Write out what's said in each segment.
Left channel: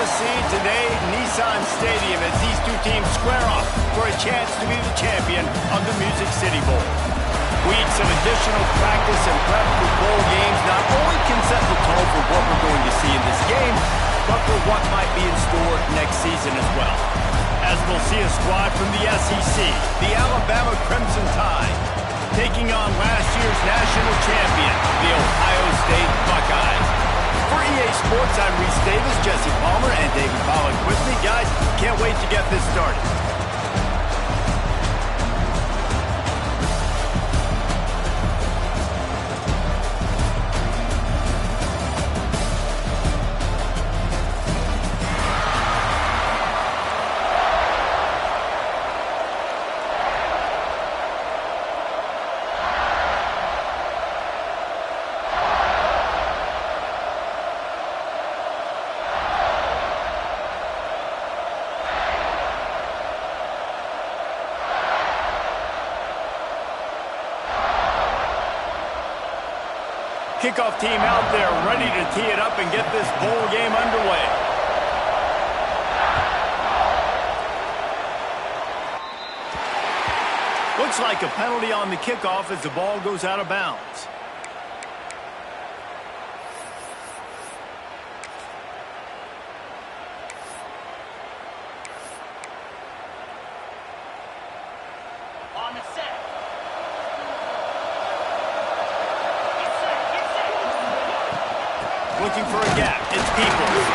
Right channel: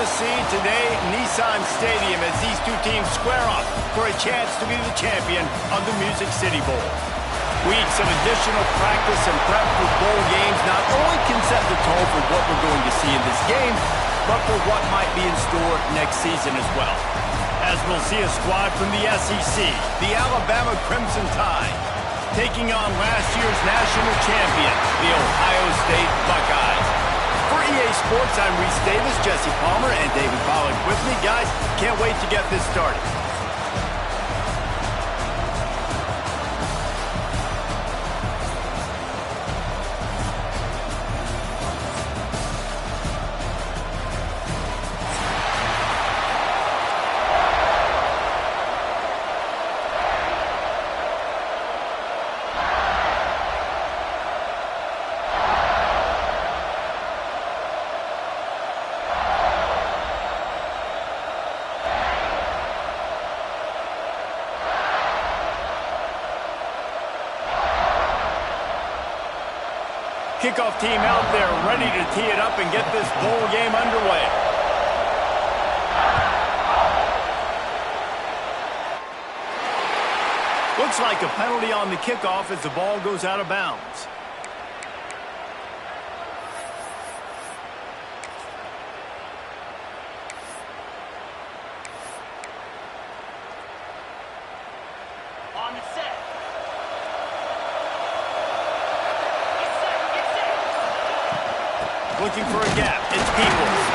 going to see today Nissan Stadium as these two teams square off for a chance to be the champion of the Music City Bowl. Weeks of additional practice and prep for bowl games not only can set the tone for what we're going to see in this game, but for what might be in store next season as well. As we'll see a squad from the SEC, the Alabama Crimson Tide, taking on last year's national champion, the Ohio State Buckeyes. For EA Sports, I'm Reese Davis, Jesse Palmer, and David Pollack with me. Guys, can't wait to get this started. Kickoff team out there ready to tee it up and get this bowl game underway. Looks like a penalty on the kickoff as the ball goes out of bounds. On the set. Looking for a gap. It's Peoples.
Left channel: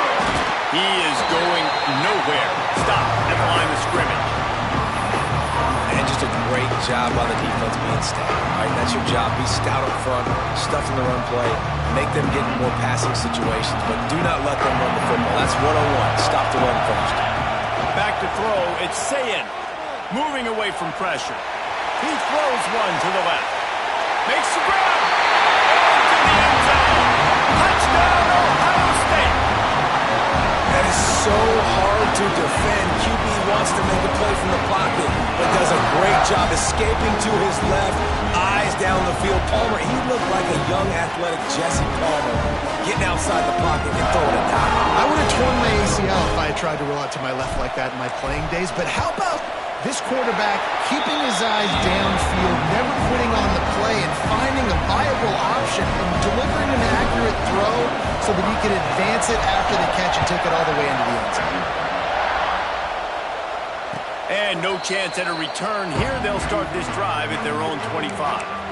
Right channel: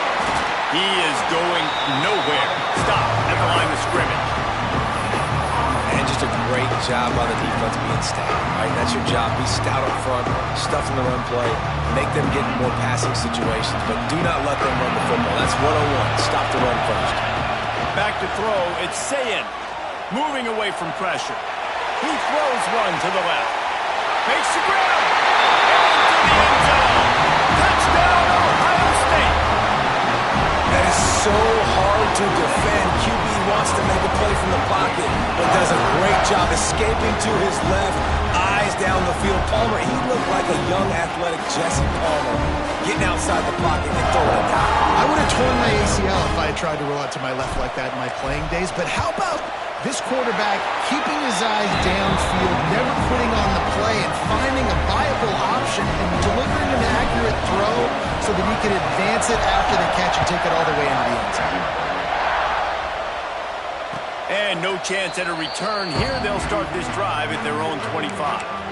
He is going nowhere. Stop at the line of scrimmage. And just a great job by the defense being stout. All right, that's your job. Be stout up front, stuff in the run play, make them get in more passing situations, but do not let them run the football. That's 101. Stop the run first. Back to throw. It's Sayin. Moving away from pressure. He throws one to the left. Makes the grab. Into the end zone. Touchdown, Ohio State. That is so hard to defend. QB wants to make a play from the pocket, but does a great job escaping to his left, eyes down the field. Palmer, he looked like a young, athletic Jesse Palmer, getting outside the pocket and throwing a dot. I would have torn my ACL if I had tried to roll out to my left like that in my playing days, but how about this quarterback keeping his eyes downfield, never quitting on the play, and finding a viable option and delivering an accurate throw so that he could advance it after the catch and take it all the way into the end zone. And no chance at a return here. They'll start this drive at their own 25.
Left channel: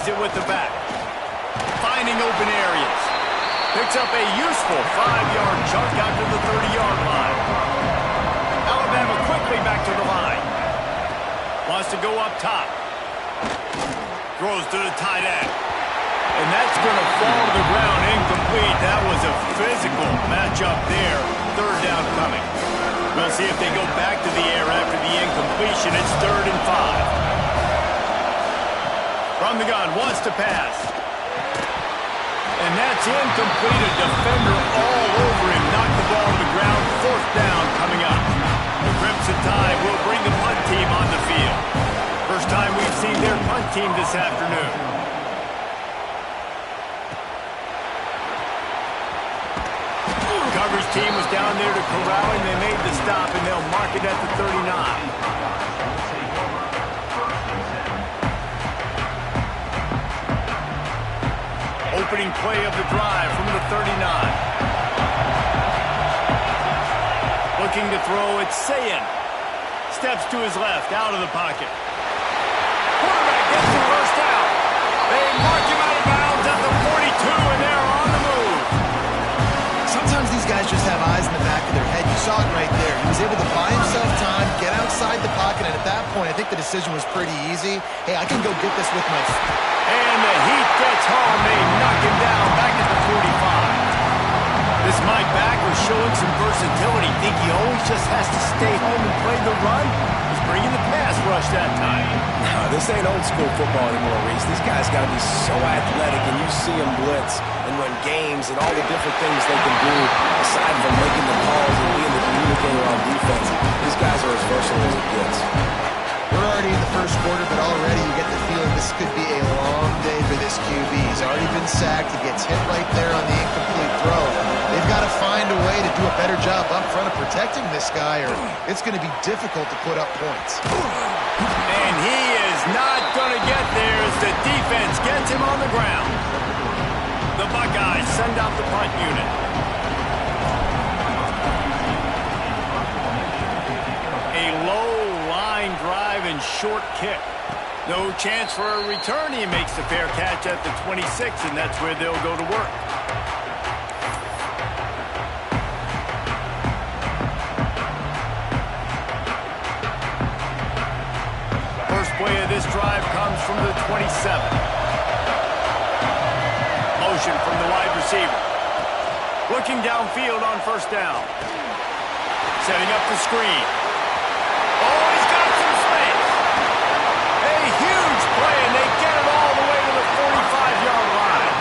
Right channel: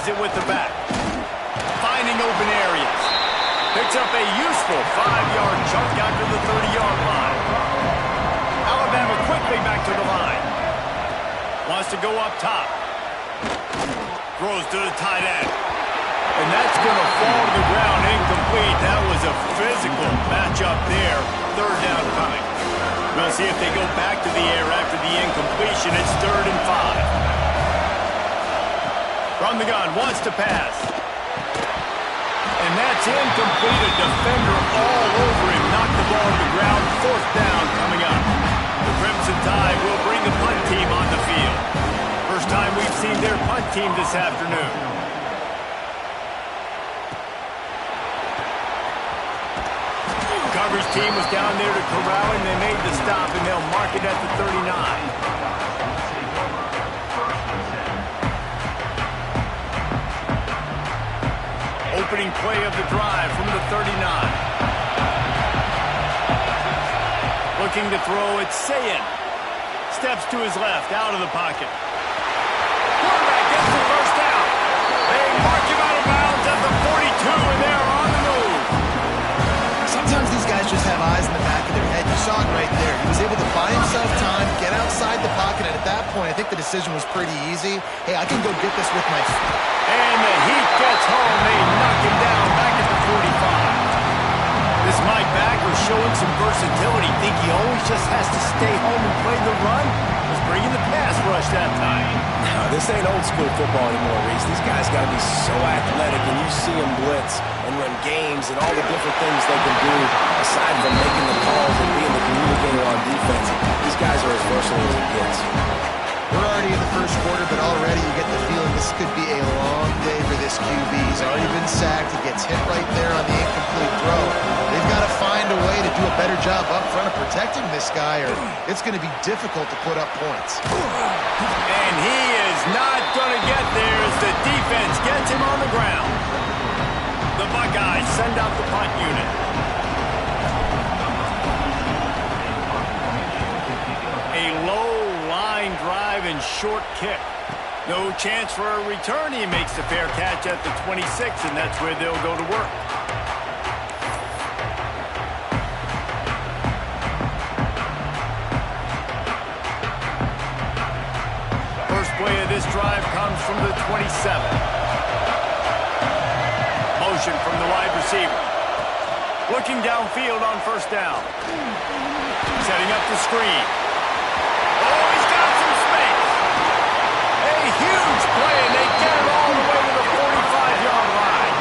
It with the back. Finding open areas. Picks up a useful 5-yard chunk out to the 30-yard line. Alabama quickly back to the line. Wants to go up top. Throws to the tight end. And that's going to fall to the ground incomplete. That was a physical matchup there. Third down coming. We'll see if they go back to the air after the incompletion. It's 3rd and 5. From the gun, wants to pass. And that's incomplete. A defender all over him. Knocked the ball to the ground. 4th down coming up. The Crimson Tide will bring the punt team on the field. First time we've seen their punt team this afternoon. Coverage team was down there to corral him. They made the stop, and they'll mark it at the 39. Opening play of the drive from the 39. Looking to throw, it's Sayin. Steps to his left, out of the pocket. Quarterback gets the first down. They mark him out of bounds at the 42, and they're on the move. Sometimes these guys just have eyes in the back of their head. You saw it right there. He was able to buy himself time, get outside the pocket, and at that point, I think the decision was pretty easy. Hey, I can go get this with my feet. And the Heat gets home. They knock him down back at the 45. This Mike back was showing some versatility. Think he always just has to stay home and play the run. He's bringing the pass rush that time. No, this ain't old school football anymore, Reese. These guys got to be so athletic, and you see them blitz and run games and all the different things they can do aside from making the calls and being the communicator on defense. These guys are as versatile as it gets. We're already in the first quarter, but already you get the feeling this could be a long day for this QB. He's already been sacked. He gets hit right there on the incomplete throw. They've got to find a way to do a better job up front of protecting this guy, or it's going to be difficult to put up points. And he is not going to get there as the defense gets him on the ground. The Buckeyes send out the punt unit. A low line drive and short kick. No chance for a return. He makes the fair catch at the 26, and that's where they'll go to work. First play of this drive comes from the 27. Motion from the wide receiver. Looking downfield on first down. Setting up the screen. Oh, he's got some space. A huge play, and they get it all the way to the 45-yard line.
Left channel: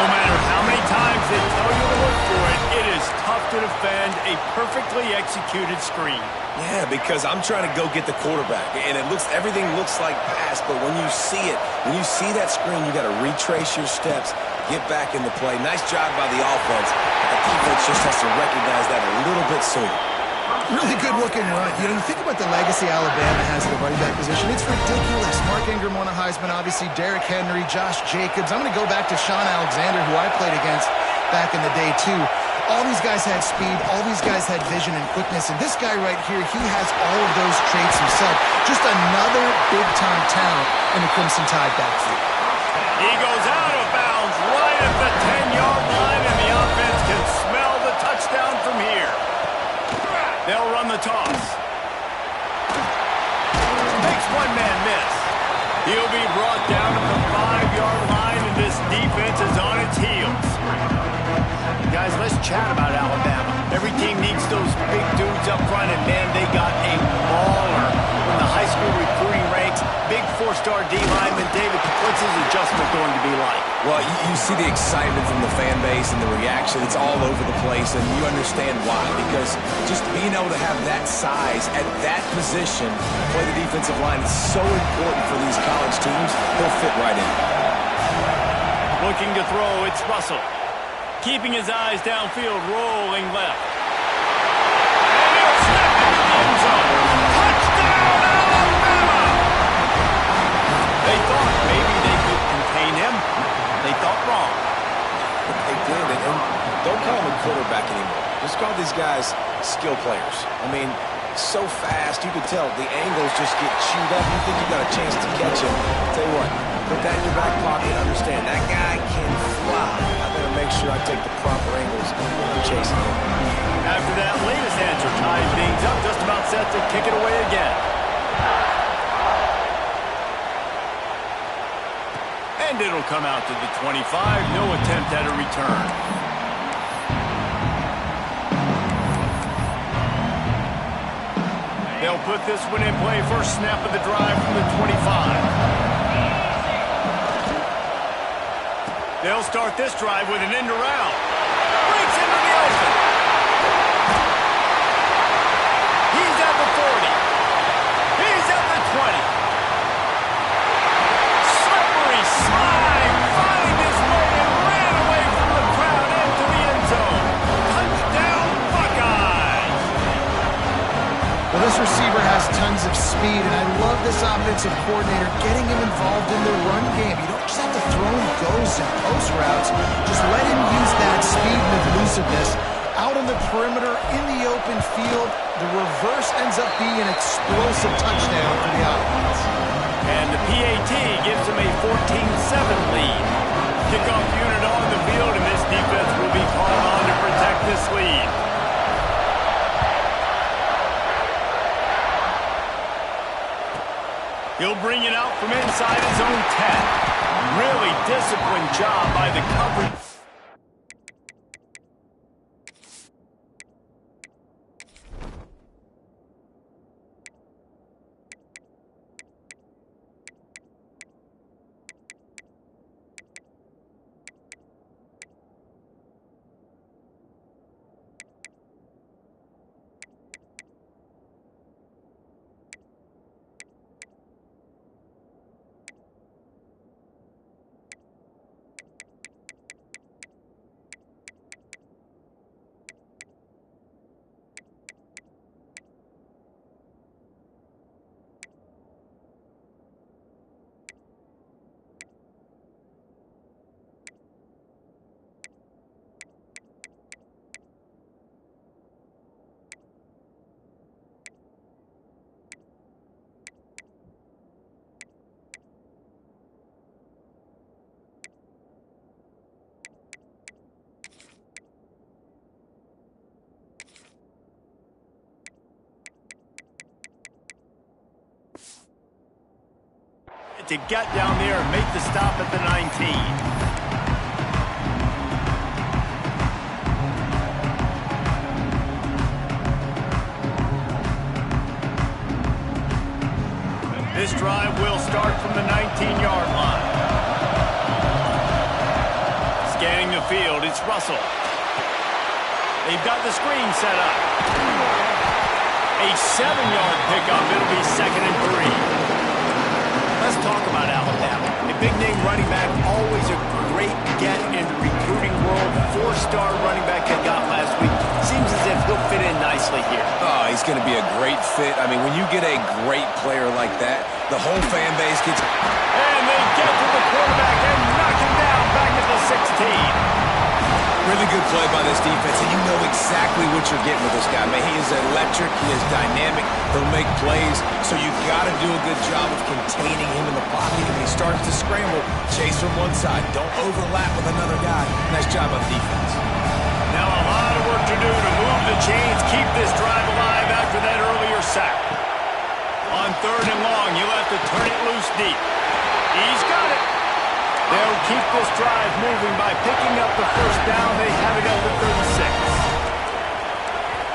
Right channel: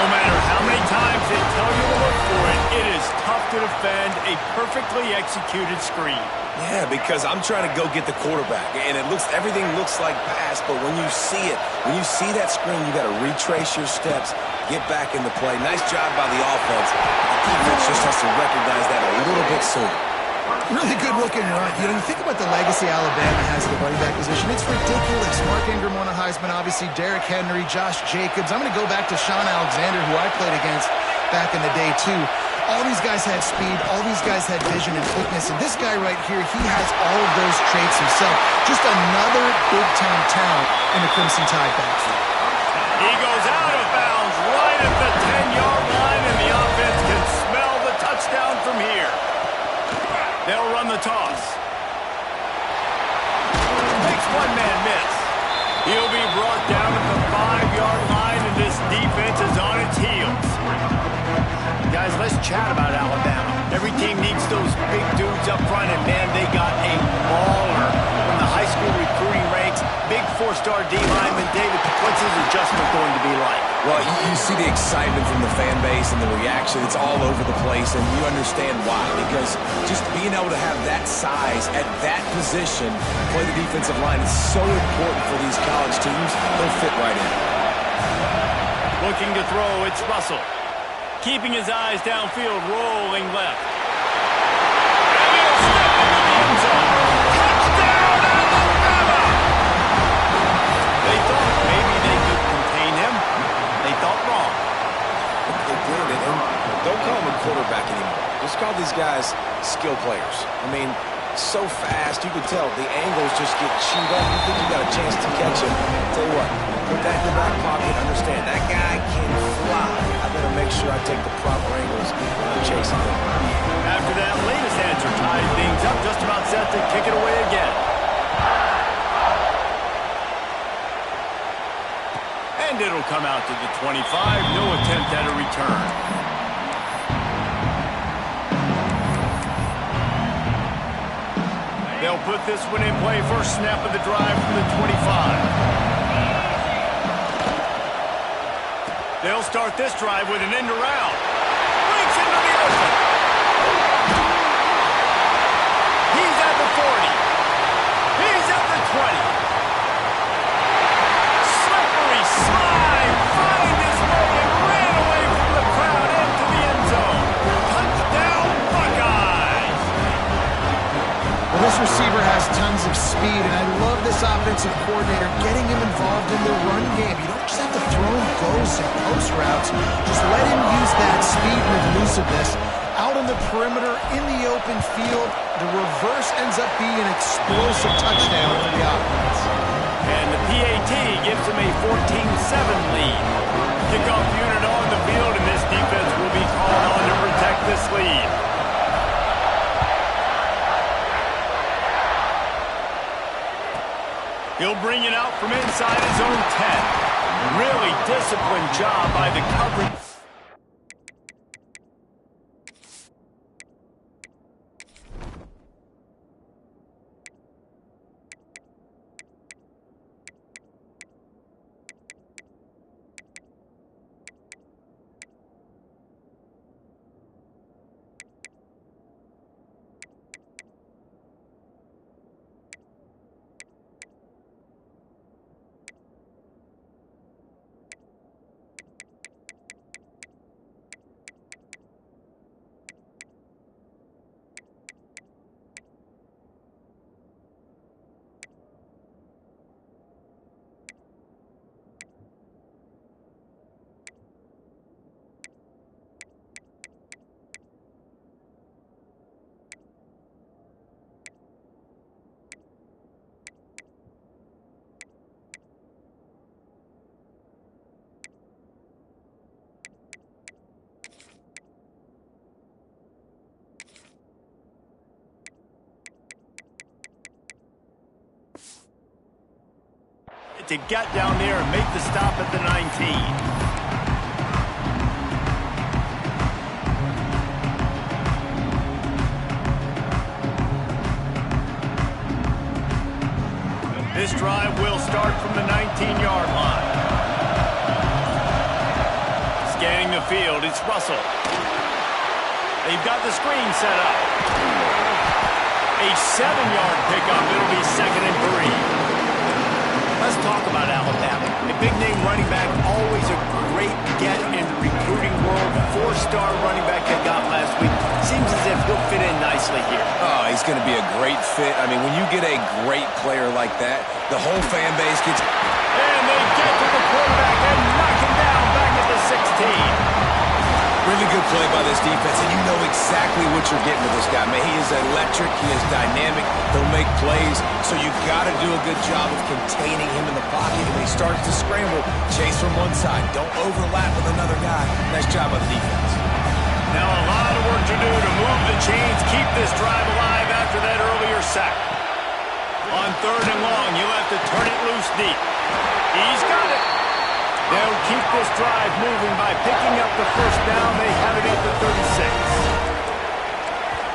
No matter how many times they tell you to look for it, it is tough to defend a perfectly executed screen. Yeah, because I'm trying to go get the quarterback, and everything looks like pass, but when you see it, when you see that screen, you got to retrace your steps, get back in the play. Nice job by the offense. The defense just has to recognize that a little bit sooner. Really good-looking run. You know, you think about the legacy Alabama has at the running back position. It's ridiculous. Mark Ingram won a Heisman, obviously. Derrick Henry, Josh Jacobs. I'm going to go back to Sean Alexander, who I played against back in the day, too. All these guys had speed. All these guys had vision and quickness. And this guy right here, he has all of those traits himself. Just another big-time talent in the Crimson Tide backfield. He goes out of bounds right at the 10-yard line, and the offense can smell the touchdown from here. They'll run the toss. Makes one man miss. He'll be brought down at the 5-yard line, and this defense is on its heels. Guys, let's chat about Alabama. Every team needs those big dudes up front, and man, they got a baller from the high school recruiting ranks. Big 4-star D-lineman. David, what's his adjustment going to be like? Well, you see the excitement from the fan base and the reaction. It's all over the place, and you understand why. Because just being able to have that size at that position, play the defensive line, is so important for these college teams. He'll fit right in. Looking to throw, it's Russell. Keeping his eyes downfield, rolling left. And he'll step into the end zone. Touchdown, Alabama! They thought maybe they could contain him. They thought wrong. They did, and don't call them a quarterback anymore. Just call these guys skill players. I mean, so fast, you can tell the angles just get chewed up. You think you got a chance to catch him. Tell you what, put that in your back pocket. Understand, that guy can fly. I better make sure I take the proper angles when I'm chasing him. After that latest answer ties things up, just about set to kick it away again. And it'll come out to the 25. No attempt at a return. They'll put this one in play. First snap of the drive from the 25. They'll start this drive with an end around. Breaks into the open. He's at the 40. He's at the 20. Slippery slide. Find his way and ran away from the crowd into the end zone. Touchdown, Buckeyes. Well, this receiver has tons of speed, and I love this offensive coordinator getting him involved in the run game. You don't just have to throw him goes and post routes. Just let him use that speed and elusiveness. Out on the perimeter, in the open field, the reverse ends up being an explosive touchdown for the offense. And the PAT gives them a 14-7 lead. Kickoff unit on the field, and this defense will be called on to protect this lead. He'll bring it out from inside his own 10. Really disciplined job by the coverage. to get down there and make the stop at the 19. This drive will start from the 19-yard line. Scanning the field, it's Russell. They've got the screen set up. A 7-yard pickup. It'll be 2nd and 3. Let's talk about Alabama. A big-name running back, always a great get in the recruiting world. 4-star running back they got last week. Seems as if he'll fit in nicely here. Oh, he's going to be a great fit. I mean, when you get a great player like that, the whole fan base gets... And they get to the quarterback and knock him down back at the 16. Really good play by this defense, and you know exactly what you're getting with this guy. Man, he is electric. He is dynamic. He'll make plays, so you got to do a good job of containing him in the pocket. And when he starts to scramble, chase from one side. Don't overlap with another guy. Nice job by the defense. Now a lot of work to do to move the chains, keep this drive alive after that earlier sack. On 3rd and long, you'll have to turn it loose deep. He's got it. They'll keep this drive moving by picking up the 1st down. They have it at the 36.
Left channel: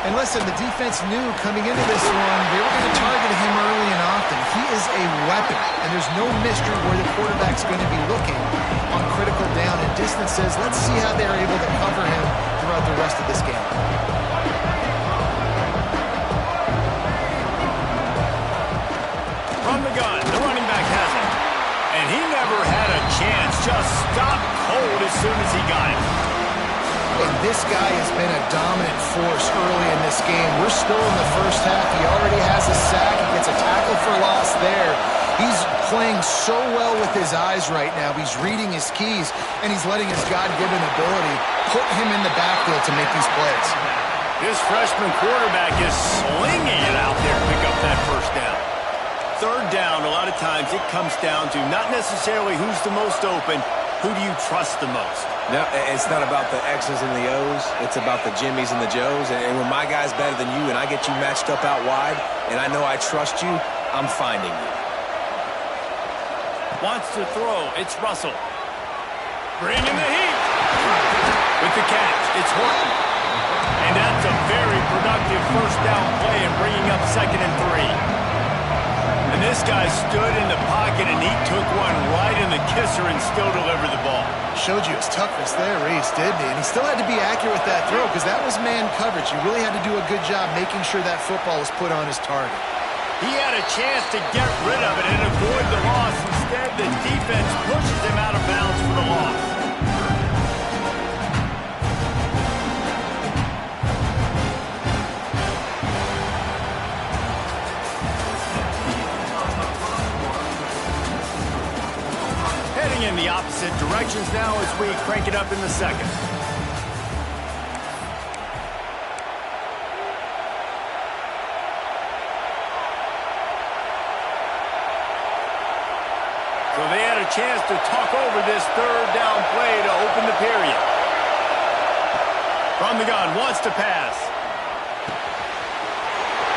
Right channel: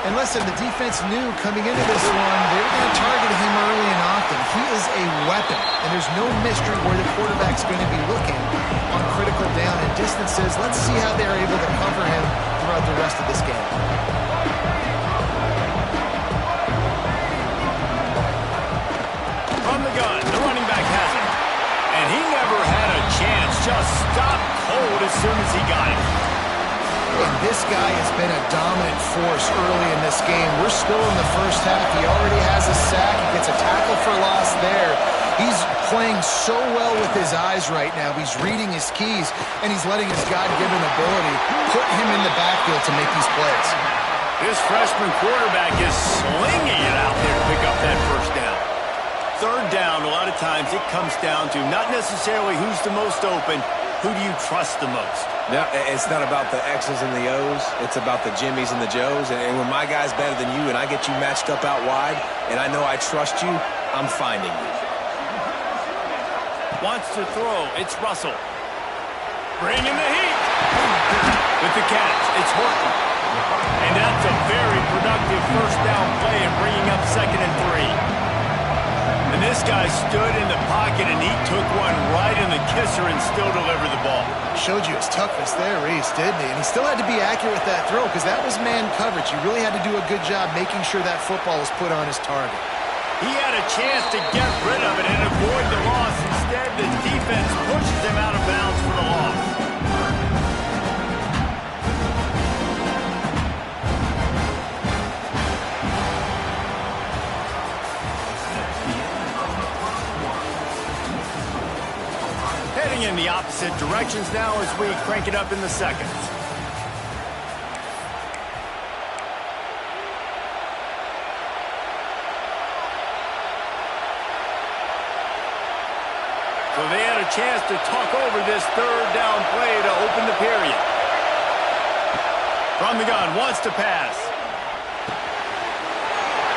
And listen, the defense knew coming into this one, they were going to target him early and often. He is a weapon, and there's no mystery where the quarterback's going to be looking on critical down and distances. Let's see how they're able to cover him throughout the rest of this game. From the gun, the running back has it. And he never had a chance, just stopped cold as soon as he got it. And this guy has been a dominant force early in this game. We're still in the 1st half. He already has a sack. He gets a tackle for loss there. He's playing so well with his eyes right now. He's reading his keys, and he's letting his God-given ability put him in the backfield to make these plays. This freshman quarterback is slinging it out there to pick up that 1st down. 3rd down, a lot of times it comes down to not necessarily who's the most open, who do you trust the most? No, it's not about the X's and the O's. It's about the Jimmies and the Joes. And when my guy's better than you and I get you matched up out wide and I know I trust you, I'm finding you. Wants to throw. It's Russell. Bringing the heat. With the catch, it's Horton. And that's a very productive 1st down play and bringing up 2nd and 3. And this guy stood in the pocket, and he took one right in the kisser and still delivered the ball. Showed you his toughness there, Reese, didn't he? And he still had to be accurate with that throw because that was man coverage. You really had to do a good job making sure that football was put on his target. He had a chance to get rid of it and avoid the loss. Instead, the defense pushes him out of bounds for the loss. Heading in the opposite directions now as we crank it up in the 2nd. So they had a chance to talk over this 3rd down play to open the period. From the gun, wants to pass.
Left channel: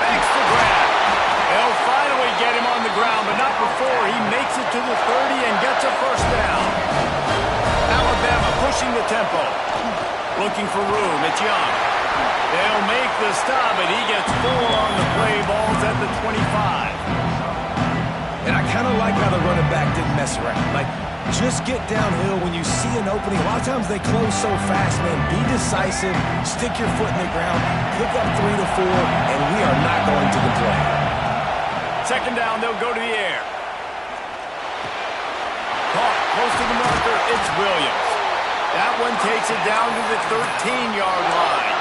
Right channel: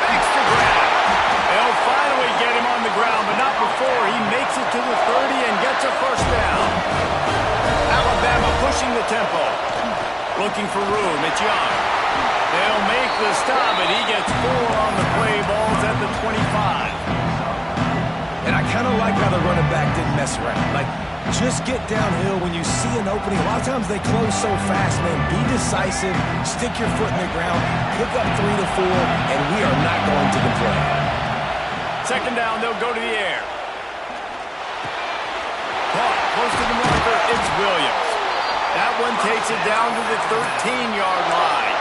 Makes the grab. They'll finally get him on the ground, but not before he makes it to the 30 and gets a 1st down. Alabama pushing the tempo. Looking for room. It's Young. They'll make the stop, and he gets 4 on the play. Ball's at the 25. And I kind of like how the running back didn't mess around. Like, just get downhill when you see an opening. A lot of times they close so fast, man. Be decisive. Stick your foot in the ground. Pick up 3 to 4, and we are not going to complain. 2nd down, they'll go to the air. Caught close to the marker, it's Williams. That one takes it down to the 13-yard line.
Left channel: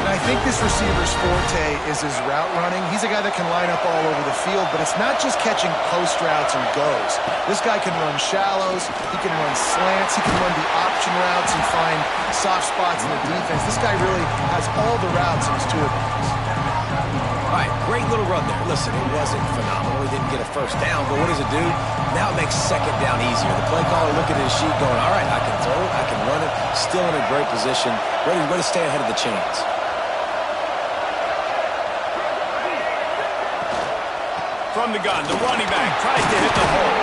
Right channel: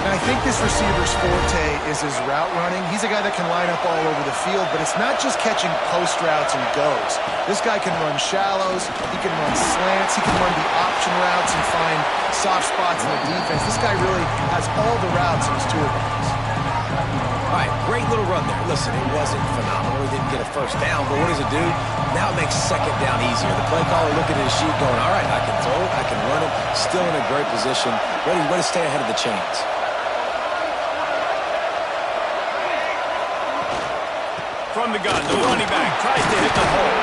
And I think this receiver's forte is his route running. He's a guy that can line up all over the field, but it's not just catching post routes and goes. This guy can run shallows, he can run slants, he can run the option routes and find soft spots in the defense. This guy really has all the routes in his toolbox. All right, great little run there. Listen, it wasn't phenomenal. He didn't get a 1st down, but what does it do? Now it makes 2nd down easier. The play caller looking at his sheet going, all right, I can throw it, I can run it, still in a great position, ready to stay ahead of the chains. from the gun. The running back tries to hit the hole.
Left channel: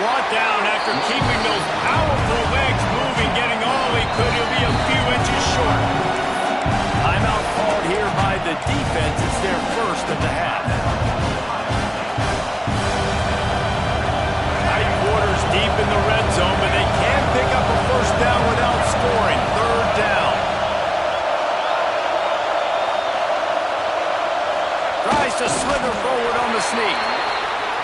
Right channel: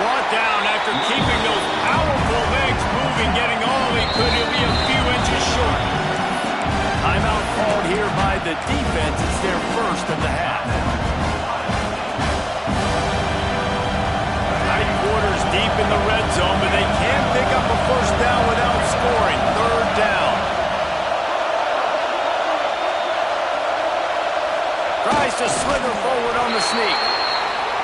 Brought down after keeping those powerful legs moving, getting all he could. He'll be a few inches short. Timeout called here by the defense. It's their first of the half. Tight quarters deep in the red zone, but they can't pick up a first down without scoring. Third down. Tries to slither forward on the sneak.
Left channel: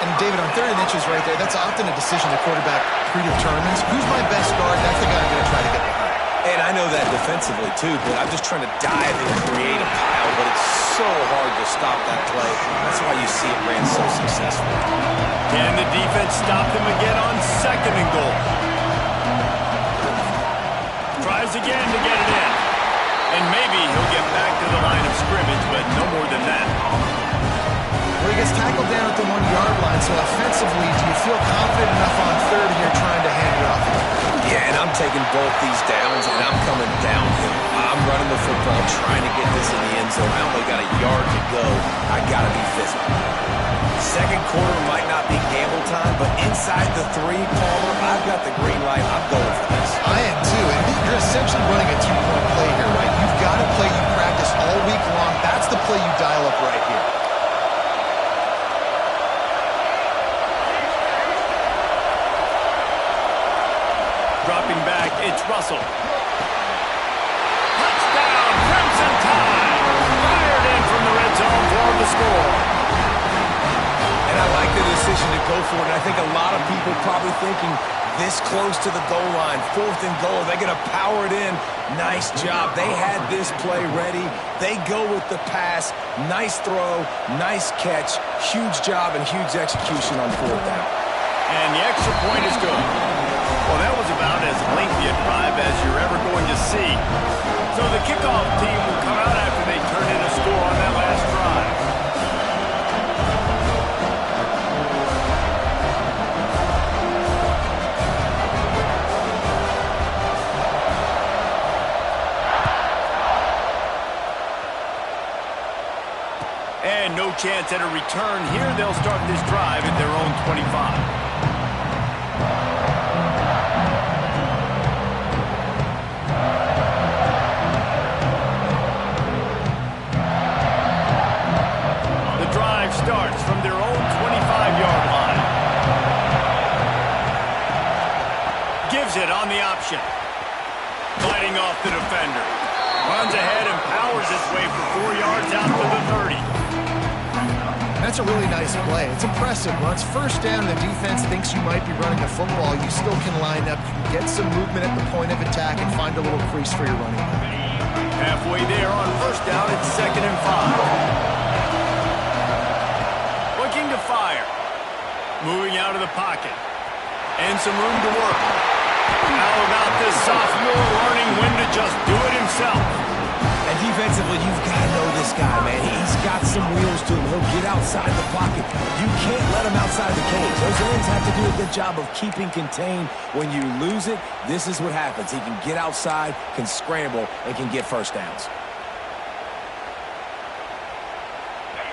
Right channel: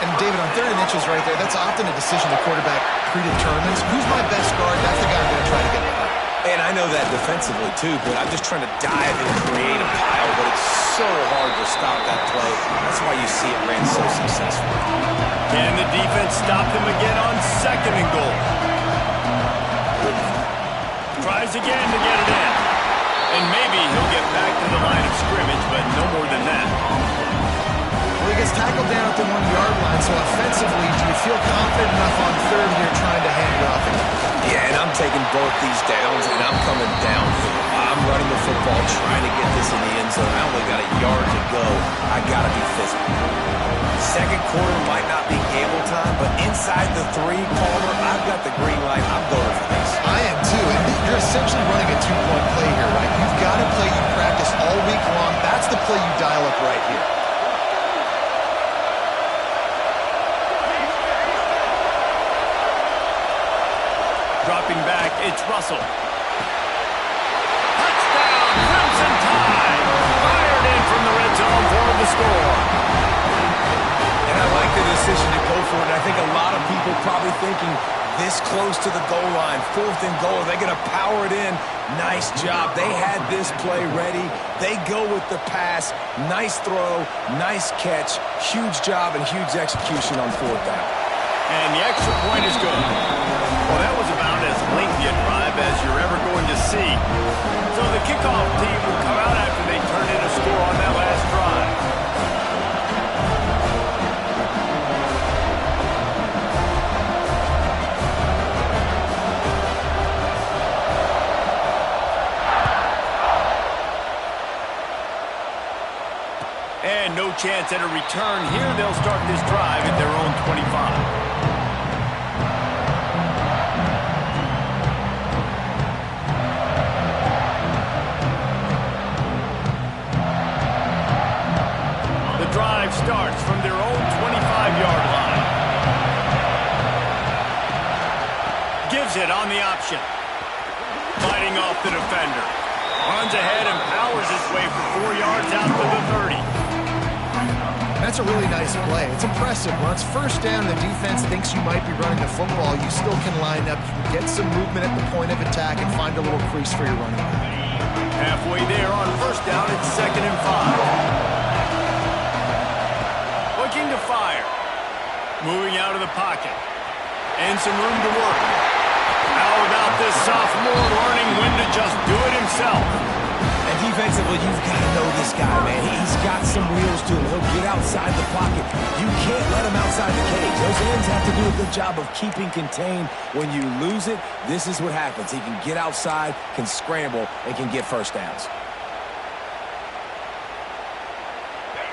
And David, on 3rd and inches right there, that's often a decision the quarterback predetermines. Who's my best guard? That's the guy I'm going to try to get behind. And I know that defensively, too, but I'm just trying to dive and create a pile, but it's so hard to stop that play. That's why you see it ran so successful. Can the defense stop them again on 2nd and goal? Tries again to get it in. And maybe he'll get back to the line of scrimmage, but no more than that. Well, he gets tackled down at the 1-yard line, so offensively, do you feel confident enough on 3rd here trying to hand it off? Yeah, and I'm taking both these downs, and I'm coming downhill. I'm running the football, trying to get this in the end zone. I only got a yard to go. I got to be physical. 2nd quarter might not be gamble time, but inside the 3, Palmer, I've got the green light. I'm going for this. I am too, and you're essentially running a 2-point play here, right? You've got a play you practice all week long. That's the play you dial up right here. Dropping back, it's Russell. Touchdown, Crimson Tide! Fired in from the red zone for the score. And I like the decision to go for it. And I think a lot of people probably thinking this close to the goal line, 4th and goal, are they going to power it in? Nice job. They had this play ready. They go with the pass. Nice throw, nice catch. Huge job and huge execution on 4th down. And the extra point is good. Well, that was about as lengthy a drive as you're ever going to see. So the kickoff team will come out after they turn in a score on that last drive. And no chance at a return here. They'll start this drive at their own 25. Starts from their own 25-yard line. Gives it on the option. Fighting off the defender. Runs ahead and powers his way for 4 yards out to the 30. That's a really nice play. It's impressive. Once 1st down, the defense thinks you might be running the football. You still can line up. You can get some movement at the point of attack and find a little crease for your running back. Halfway there on 1st down, it's 2nd and 5. Looking to fire. Moving out of the pocket. And some room to work. How about this sophomore learning when to just do it himself? And defensively, you've got to know this guy, man. He's got some wheels to him. He'll get outside the pocket. You can't let him outside the cage. Those ends have to do a good job of keeping contained. When you lose it, this is what happens. He can get outside, can scramble, and can get 1st downs.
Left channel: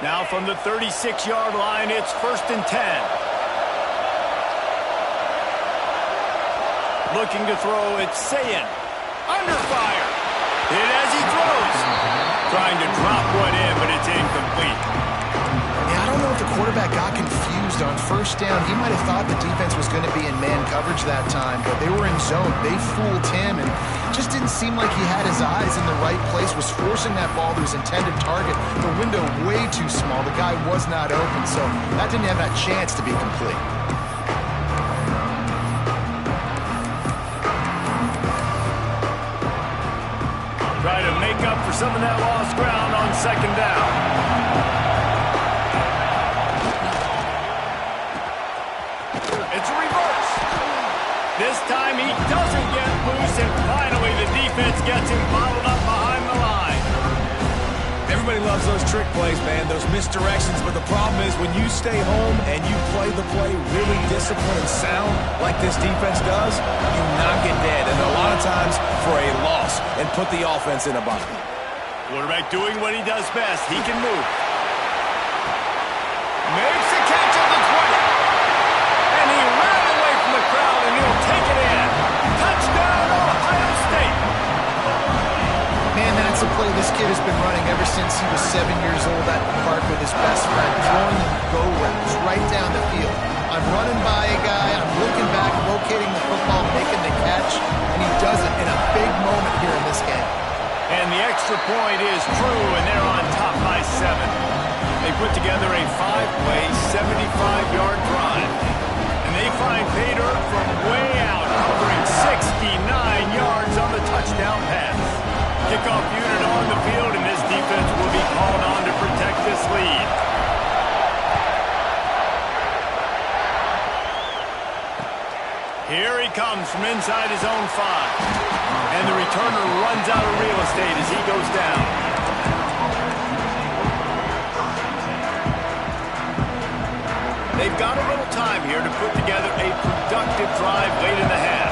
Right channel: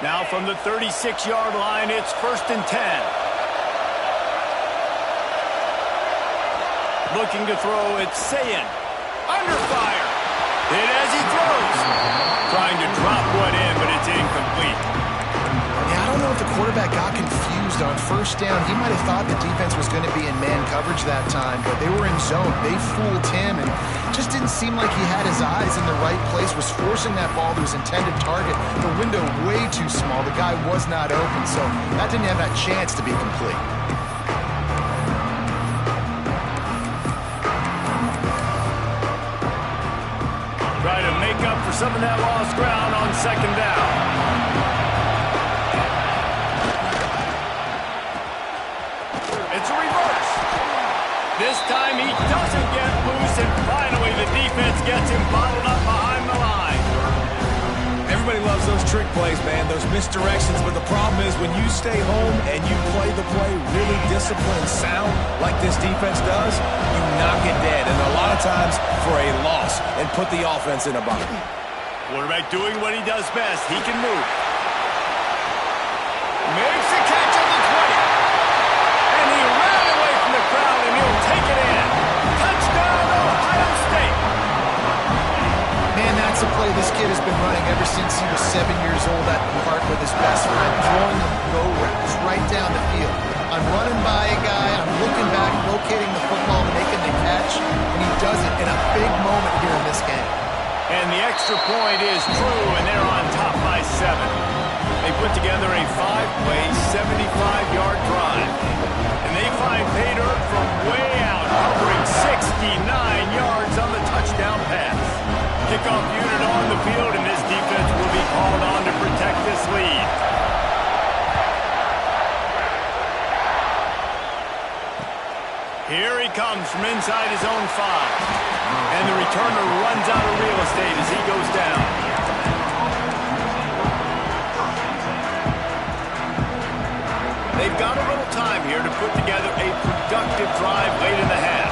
Now from the 36-yard line, it's 1st and 10. Looking to throw, it's Sayin. Under fire. Hit as he throws. Trying to drop one in, but it's incomplete. Yeah, I don't know if the quarterback got confused on 1st down. He might have thought the defense was going to be in man coverage that time, but they were in zone. They fooled him, and just didn't seem like he had his eyes in the right place, was forcing that ball to his intended target. The window way too small. The guy was not open, so that didn't have that chance to be complete. Try to make up for some of that lost ground on 2nd down. It's a reverse. This time he doesn't get loose, and finally the defense gets him bottled up behind the line. Everybody loves those trick plays, man, those misdirections, but the problem is when you stay home and you play the play really disciplined and sound like this defense does, you knock it dead, and a lot of times for a loss, and put the offense in a bind. Quarterback doing what he does best. He can move. Makes the catch at the 20. And he ran away from the crowd, and he'll take it in. Touchdown, Ohio State. Man, that's a play this kid has been running ever since he was 7 years old at the park with his best friend, throwing him go routes right down the field. I'm running by a guy, I'm looking back, locating the football, making the catch, and he does it in a big moment here in this game. And the extra point is true, and they're on top by 7. They put together a 5-play, 75-yard drive. And they find pay dirt from way out, covering 69 yards on the touchdown pass. Kickoff unit on the field, and this defense will be called on to protect this lead. Here he comes from inside his own 5. And the returner runs out of real estate as he goes down. They've got a little time here to put together a productive drive late in the half.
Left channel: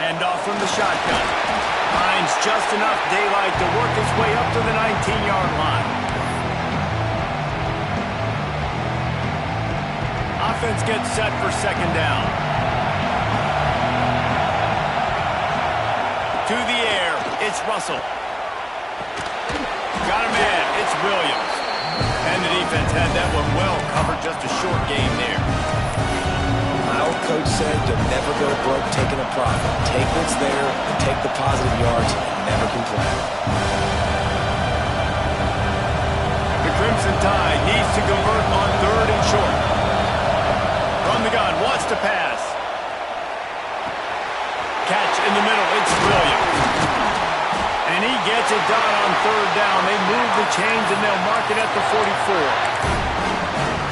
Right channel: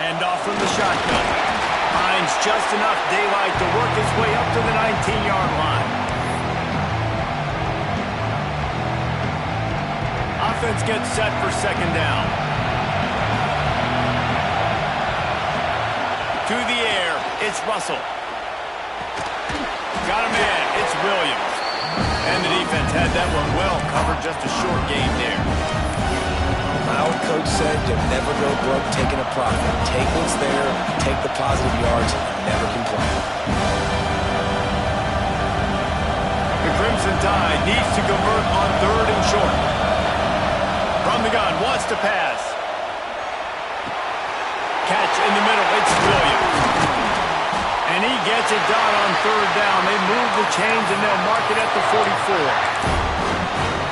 Hand off from the shotgun. Finds just enough daylight to work his way up to the 19-yard line. Offense gets set for second down. To the air, it's Russell. Got a man, it's Williams. And the defense had that one well covered, just a short game there. My old coach said to never go broke taking a profit. Take what's there, take the positive yards, and never complain. The Crimson Tide needs to convert on 3rd and short. From the gun, wants to pass. Catch in the middle, it's Williams. And he gets it done on 3rd down. They move the chains and they'll mark it at the 44.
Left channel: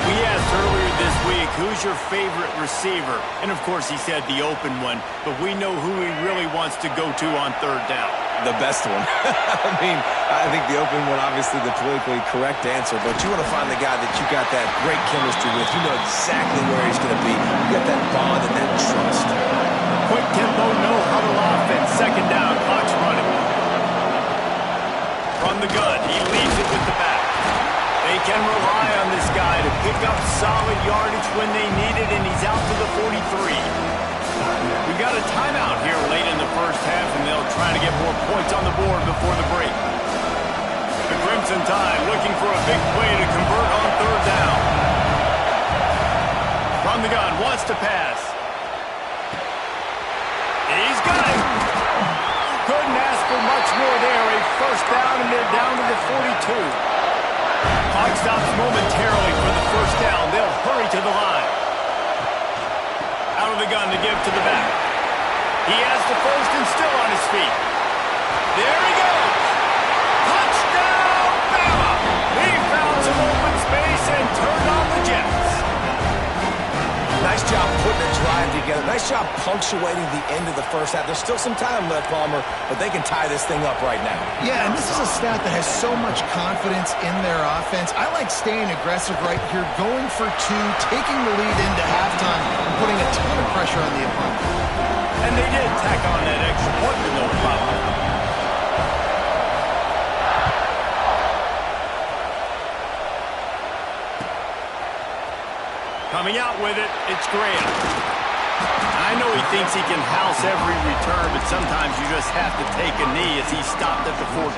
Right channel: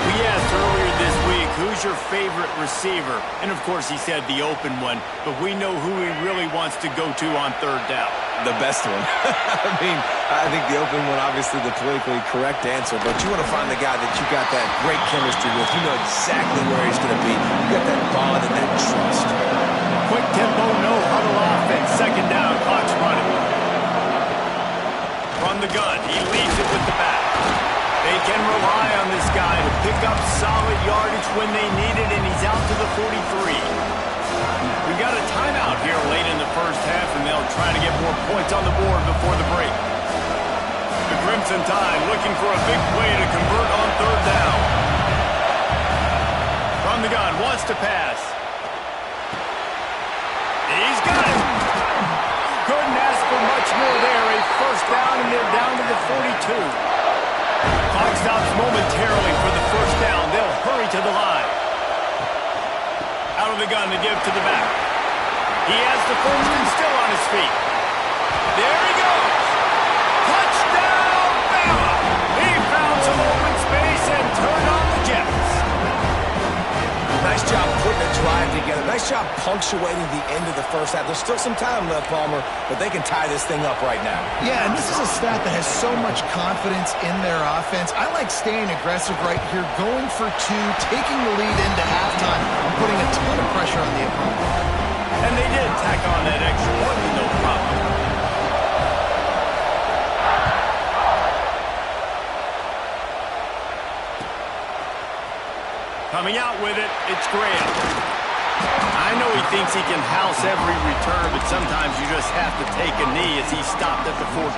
We asked earlier this week, who's your favorite receiver? And of course he said the open one, but we know who he really wants to go to on 3rd down. The best one. I think the open one, obviously the politically correct answer, but you want to find the guy that you got that great chemistry with. You know exactly where he's going to be. You got that bond and that trust. Quick tempo, no huddle offense. Second down, clock's running. From the gun, he leaves it with the back. They can rely on this guy to pick up solid yardage when they need it, and he's out to the 43. We've got a timeout here late in the first half, and they'll try to get more points on the board before the break. The Crimson Tide looking for a big play to convert on 3rd down. From the gun, wants to pass. He's got it. Couldn't ask for much more there. A first down, and they're down to the 42. Clock stops momentarily for the first down. They'll hurry to the line. Out of the gun to give to the back. He has the first and still on his feet. There he goes. Touchdown, Bama. He found some open space and turned on the Jets. Nice job putting a drive together. Nice job punctuating the end of the first half. There's still some time left, Palmer, but they can tie this thing up right now. Yeah, and this is a stat that has so much confidence in their offense. I like staying aggressive right here, going for 2, taking the lead into halftime, and putting a ton of pressure on the opponent. And they did tack on that extra point with no problem. Coming out with it, it's Graham. I know he thinks he can house every return, but sometimes you just have to take a knee as he stopped at the 14.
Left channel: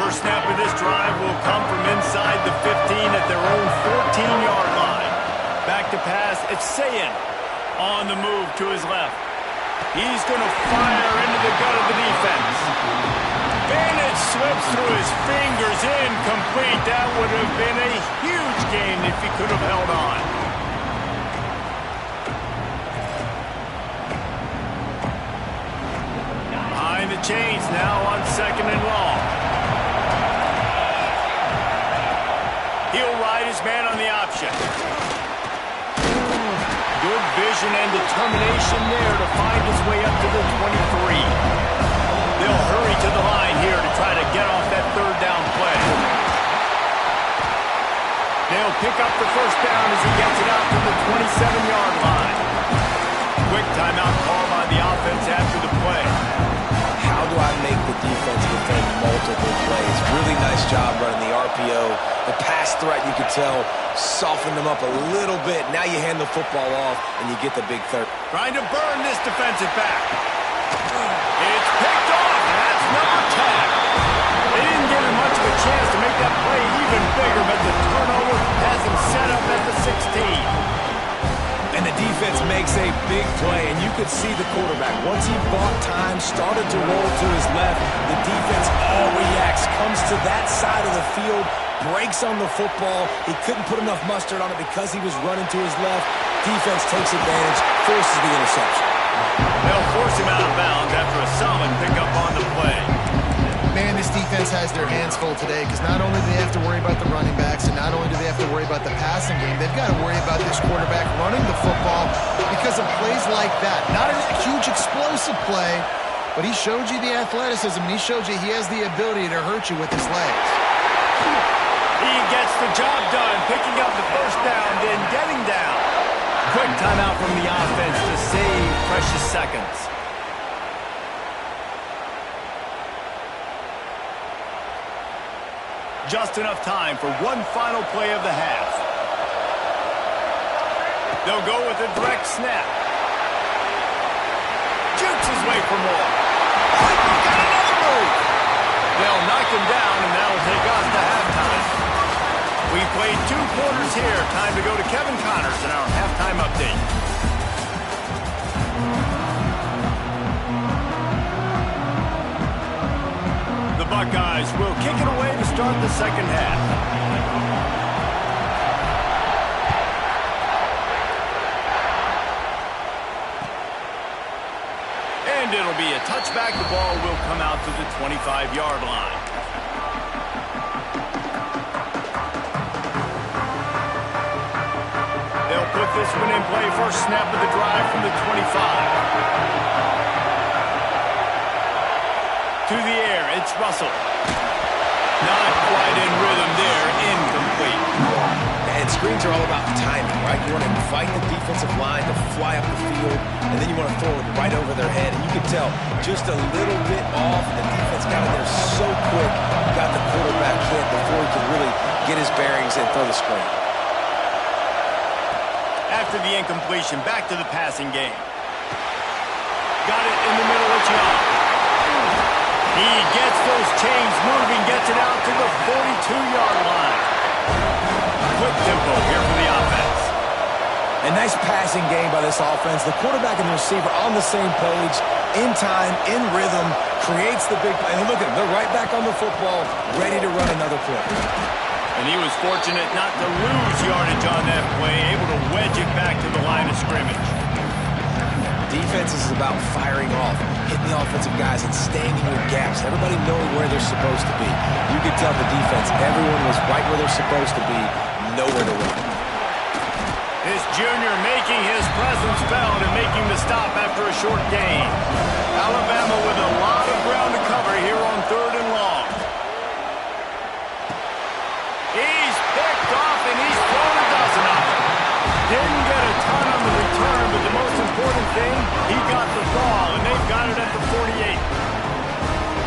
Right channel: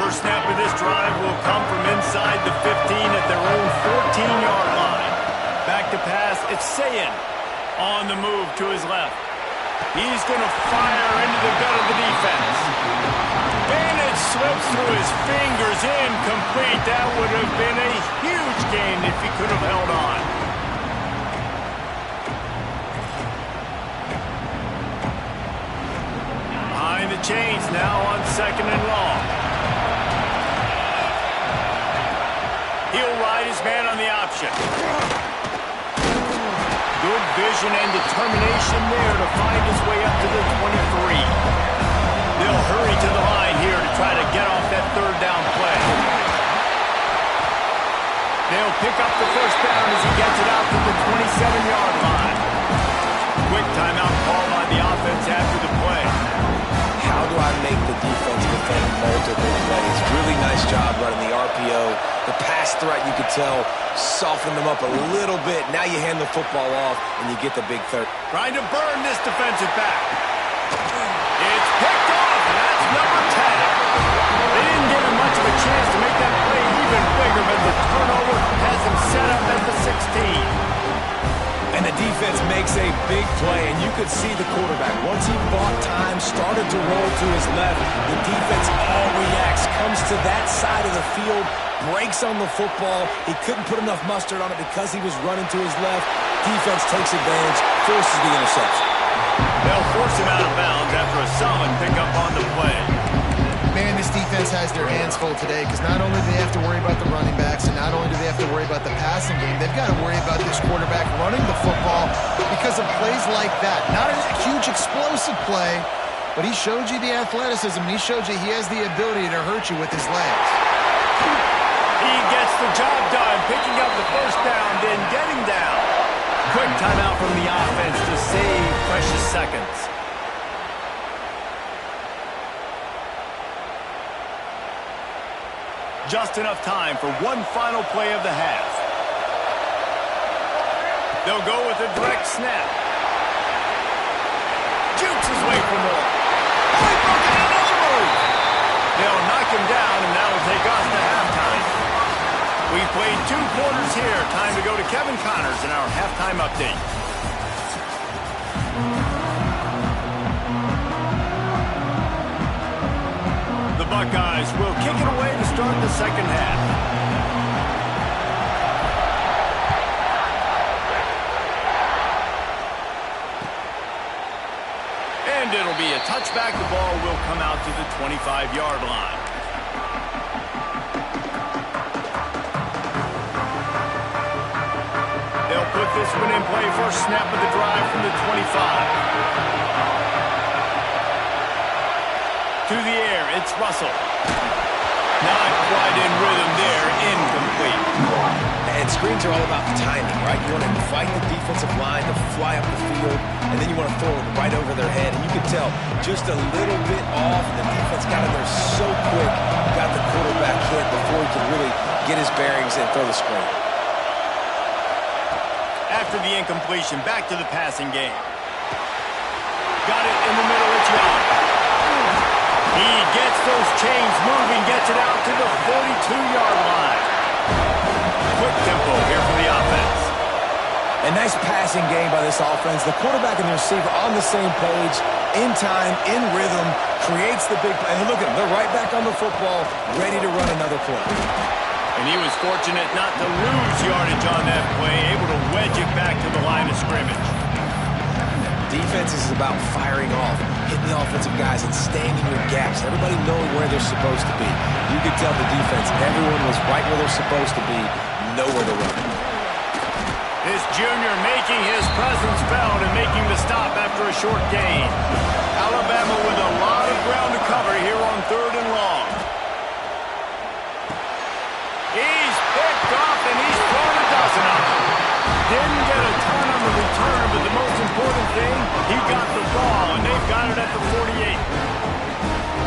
First snap of this drive will come from inside the 15 at their own 14-yard line. Back to pass, it's Sayin on the move to his left. He's going to fire into the gut of the defense. And it slips through his fingers, incomplete. That would have been a huge gain if he could have held on. Behind the chains now on 2nd and long. He'll ride his man on the option. Good vision and determination there to find his way up to the 23. They'll hurry to the line here to try to get off that 3rd down play. They'll pick up the first down as he gets it out to the 27-yard line. Quick timeout call by the the offense after the play. How do I make the defense defend multiple plays? Really nice job running the RPO. The pass threat, you could tell, softened them up a little bit. Now you hand the football off, and you get the big third. Trying to burn this defensive back. It's picked off, and that's number 10. They didn't give him much of a chance to make that play even bigger, but the turnover has him set up at the 16. And the defense makes a big play, and you could see the quarterback. Once he bought time, started to roll to his left, the defense all reacts, comes to that side of the field, breaks on the football. He couldn't put enough mustard on it because he was running to his left. Defense takes advantage, forces the interception. They'll force him out of bounds after a solid pickup on the play. Man, this defense has their hands full today because not only do they have to worry about the running backs and not only do they have to worry about the passing game, they've got to worry about this quarterback running the football because of plays like that. Not a huge explosive play, but he showed you the athleticism, and he showed you he has the ability to hurt you with his legs. He gets the job done, picking up the first down, then getting down. Quick timeout from the offense to save precious seconds. Just enough time for one final play of the half. They'll go with a direct snap. Jukes his way for more. Oh, he broke out another move. They'll knock him down, and that will take us to halftime. We've played 2 quarters here. Time to go to Kevin Connors in our halftime update. The Buckeyes will kick it away to start the second half. And it'll be a touchback. The ball will come out to the 25-yard line. They'll put this one in play. First snap of the drive from the 25. To the air, it's Russell. Not quite in rhythm there, incomplete. And screens are all about timing, right? You want to invite the defensive line to fly up the field, and then you want to throw it right over their head. And you can tell just a little bit off. The defense got in there so quick, got the quarterback hit before he could really get his bearings and throw the screen. After the incompletion, back to the passing game. Got it in the middle, it's Young. He gets those chains moving, gets it out to the 42-yard line. Quick tempo here for the offense. A nice passing game by this offense. The quarterback and the receiver on the same page, in time, in rhythm, creates the big play. And look at them, they're right back on the football, ready to run another play. And he was fortunate not to lose yardage on that play, able to wedge it back to the line of scrimmage. Defense is about firing off, hitting the offensive guys and staying in your gaps. Everybody knowing where they're supposed to be. You could tell the defense, everyone was right where they're supposed to be, nowhere to run. This junior making his presence felt and making the stop after a short gain. Alabama with a lot of ground to cover here on 3rd and long. He's picked off and he's thrown a dozen of them. Didn't get a ton on the return, but the most important thing, he got the ball, and they've got it at the 48.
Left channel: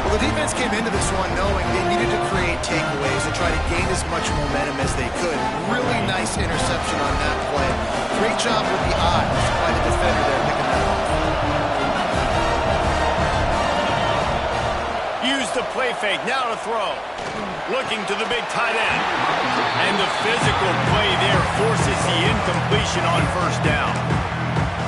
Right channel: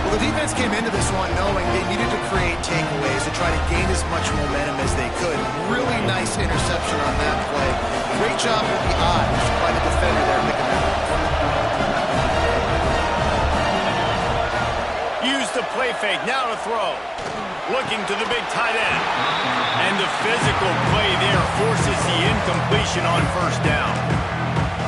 Well, the defense came into this one knowing they needed to create takeaways to try to gain as much momentum as they could. Really nice interception on that play. Great job with the eyes by the defender there picking that up. Use the play fake, now to throw. Looking to the big tight end. And the physical play there forces the incompletion on first down.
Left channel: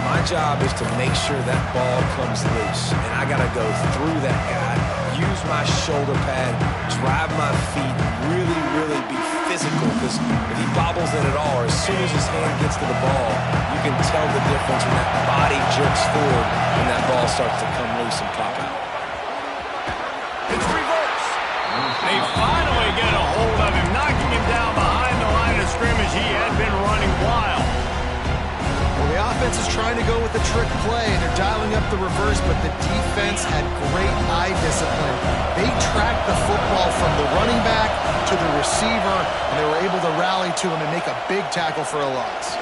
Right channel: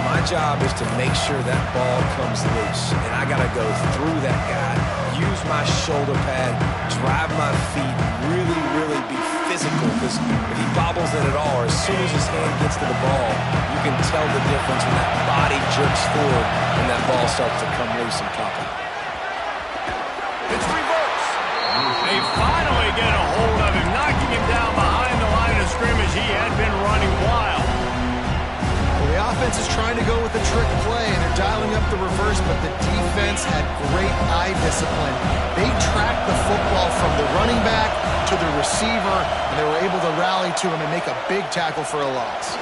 My job is to make sure that ball comes loose. And I got to go through that guy, use my shoulder pad, drive my feet, really be physical. Because if he bobbles it at all, or as soon as his hand gets to the ball, you can tell the difference when that body jerks forward and that ball starts to come loose and pop out. It's reverse. They finally get a hold of him, knocking him down behind the line of scrimmage. He had been running wild. Well, the offense is trying to go with the trick play, and they're dialing up the reverse, but the defense had great eye discipline. They tracked the football from the running back to the receiver, and they were able to rally to him and make a big tackle for a loss.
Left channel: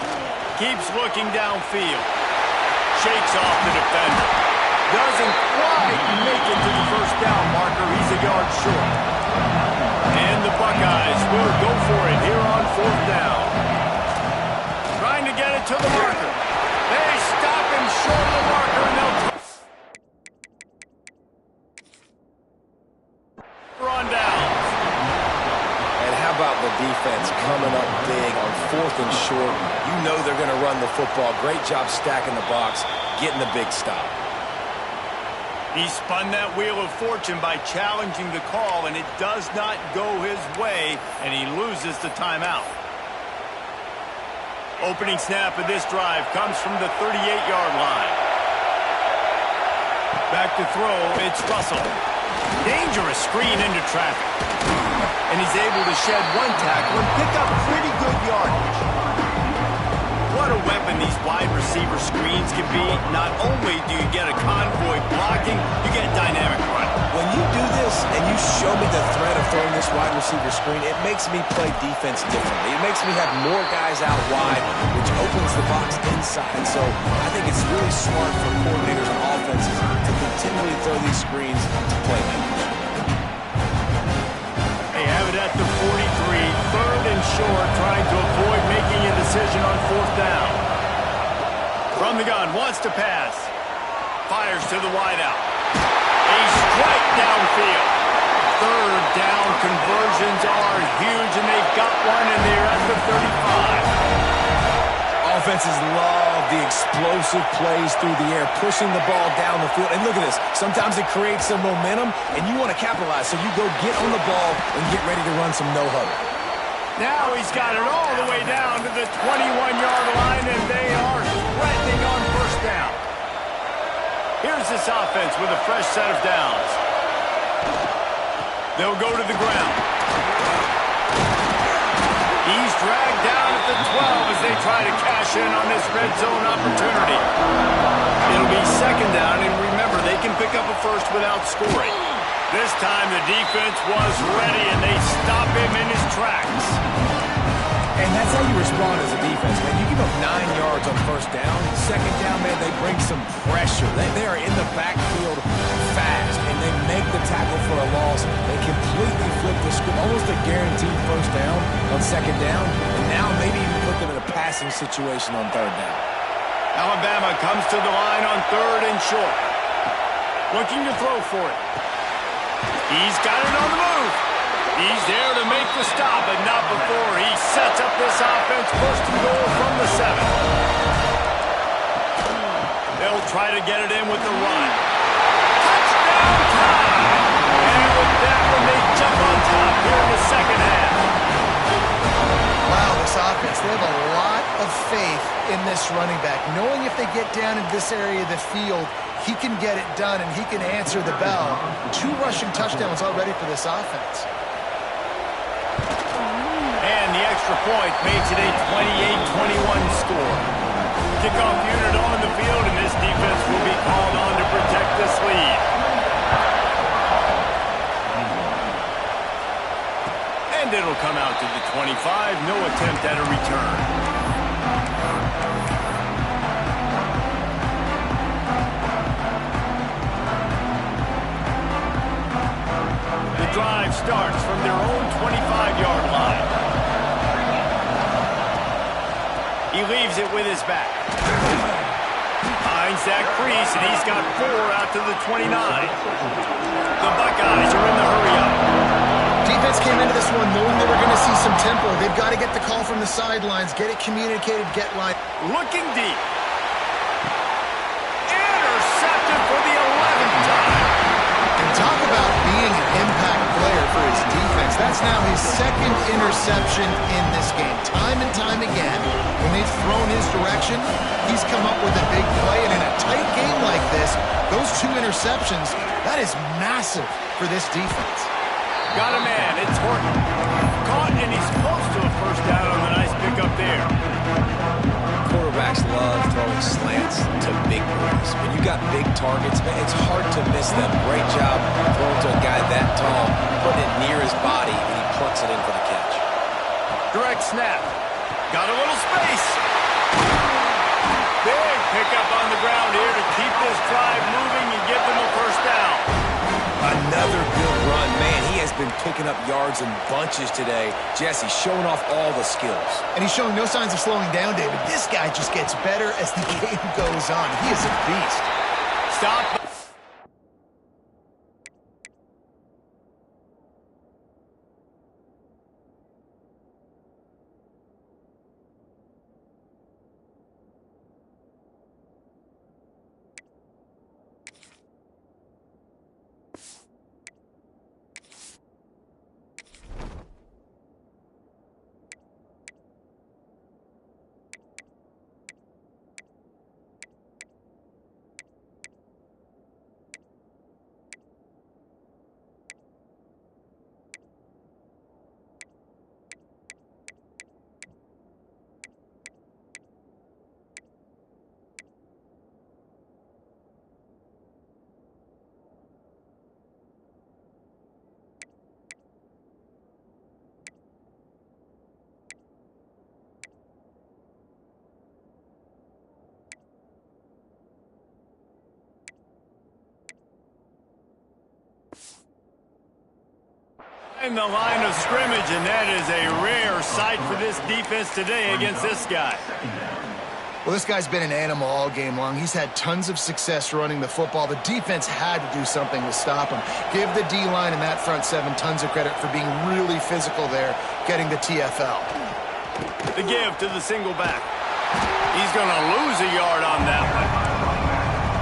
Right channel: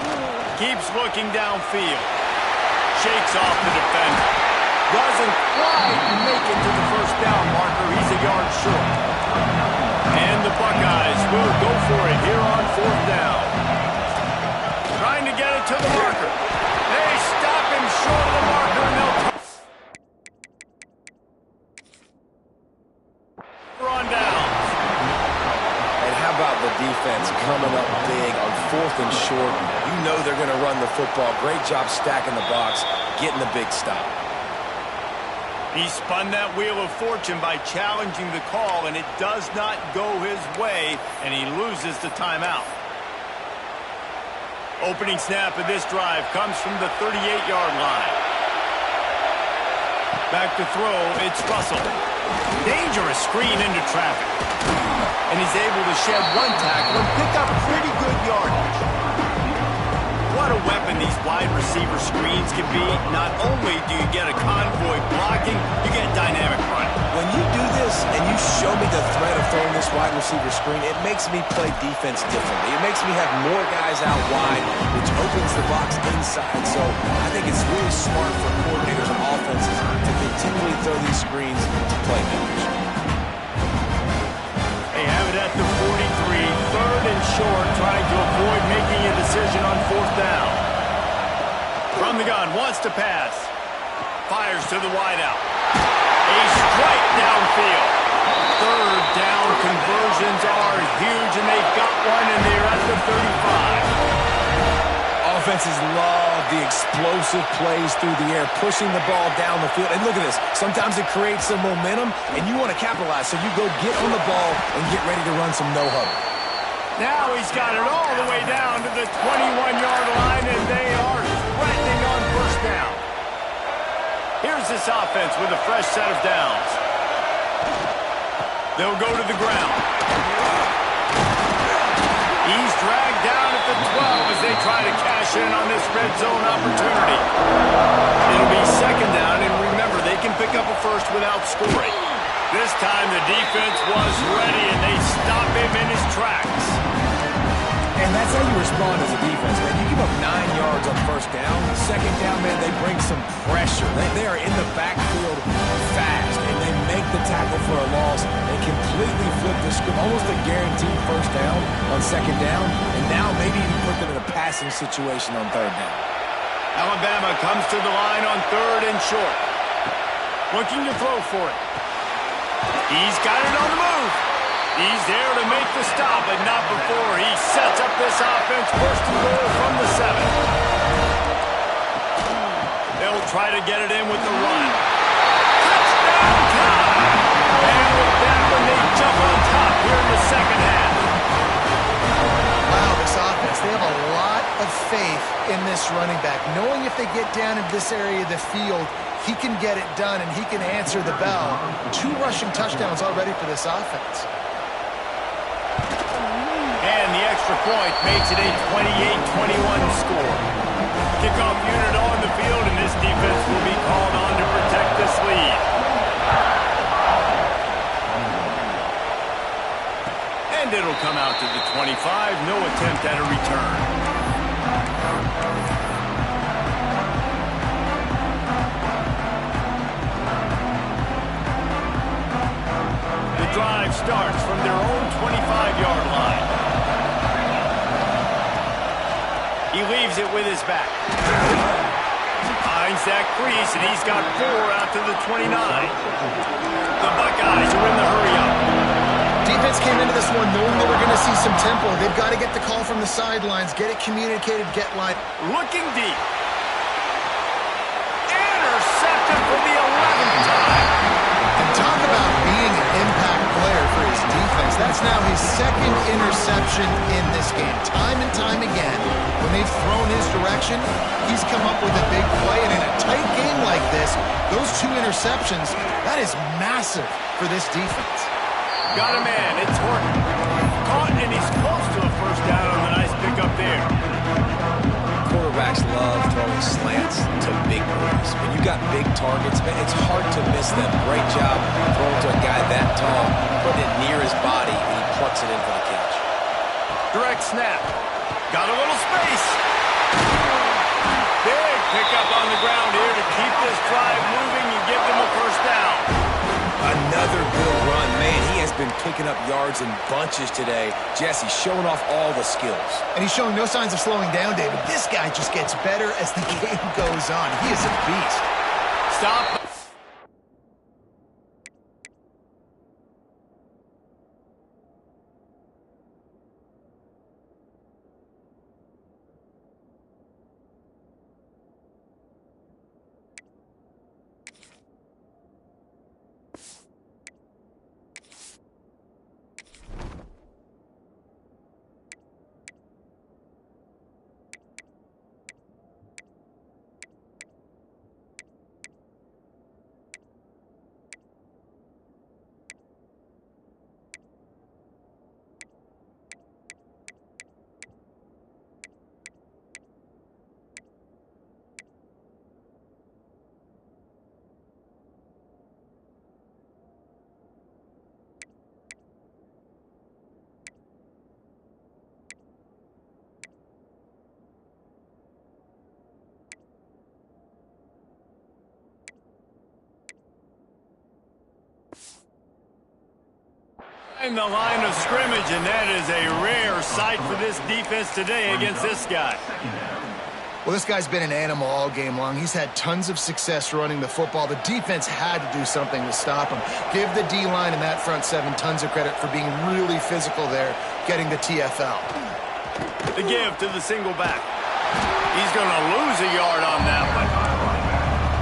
Keeps looking downfield. Shakes off the defender. Doesn't quite make it to the first down marker. He's a yard short. And the Buckeyes will go for it here on fourth down. Trying to get it to the marker. They stop him short of the marker, and they'll on downs. And how about the defense coming up big on fourth and short? You know they're going to run the football. Great job stacking the box, getting the big stop. He spun that wheel of fortune by challenging the call, and it does not go his way, and he loses the timeout. Opening snap of this drive comes from the 38-yard line. Back to throw, it's Russell. Dangerous screen into traffic. And he's able to shed one tackle and pick up pretty good yardage. What a weapon these wide receiver screens can be. Not only do you get a convoy blocking, you get dynamic running. When you do this and you show me the threat of throwing this wide receiver screen, it makes me play defense differently. It makes me have more guys out wide, which opens the box inside. So I think it's really smart for coordinators and offenses to continually throw these screens to playmakers. They have it at the 43, third and short, trying to avoid making a decision on fourth down. From the gun, wants to pass. Fires to the wideout. A strike downfield. Third down conversions are huge, and they've got one, and they're at the 35. Offenses love the explosive plays through the air, pushing the ball down the field. And look at this. Sometimes it creates some momentum, and you want to capitalize. So you go get on the ball and get ready to run some no-huddle. Now he's got it all the way down to the 21-yard line, and they are threatening on first down. Here's this offense with a fresh set of downs. They'll go to the ground. He's dragged down at the 12 as they try to cash in on this red zone opportunity. It'll be second down, and remember, they can pick up a first without scoring. This time the defense was ready, and they stop him in his tracks. And that's how you respond as a defense, man. You give up 9 yards on first down. Second down, man, they bring some pressure. They are in the backfield fast, and they make the tackle for a loss. They completely flip the script, almost a guaranteed first down on second down, and now maybe even put them in a passing situation on third down. Alabama comes to the line on third and short. Looking to throw for it. He's got it on the move. He's there to make the stop, but not before he sets up this offense. First and goal from the 7. They'll try to get it in with the run. Touchdown time! And with that one, they jump on top here in the second half. Wow, this offense, they have a lot of faith in this running back, knowing if they get down into this area of the field, he can get it done and he can answer the bell. 2 rushing touchdowns already for this offense. And the extra point makes it a 28-21 score. Kickoff unit on the field, and this defense will be called on to protect this lead. And it'll come out to the 25. No attempt at a return. The drive starts from their own 25-yard line. He leaves it with his back. Finds that crease, and he's got 4 out to the 29. The Buckeyes are in the hurry-up. Defense came into this one knowing they were going to see some tempo. They've got to get the call from the sidelines, get it communicated, get line. Looking deep. Intercepted for the 11th time. And talk about being an impact player for his defense. That's now his 2nd interception in this game. Time and time again, when they've thrown his direction, he's come up with a big play. And in a tight game like this, those 2 interceptions, that is massive for this defense. Got a man. It's Horton. Caught, and he's close to a first down on the nice pickup there. Quarterbacks love throwing slants to big boys. When you got big targets, man, it's hard to miss them. Great job throwing to a guy that tall, putting it near his body, and he plucks it in for the catch. Direct snap. Got a little space. Big pick up on the ground here to keep this drive moving and give them a first down. Another good run. Man, he has been picking up yards in bunches today. Jesse showing off all the skills. And he's showing no signs of slowing down, David. This guy just gets better as the game goes on. He is a beast. Stop. In the line of scrimmage, and that is a rare sight for this defense today against this guy. Well, this guy's been an animal all game long. He's had tons of success running the football. The defense had to do something to stop him. Give the D-line and that front seven tons of credit for being really physical there, getting the TFL. The give to the single back. He's going to lose a yard on that one.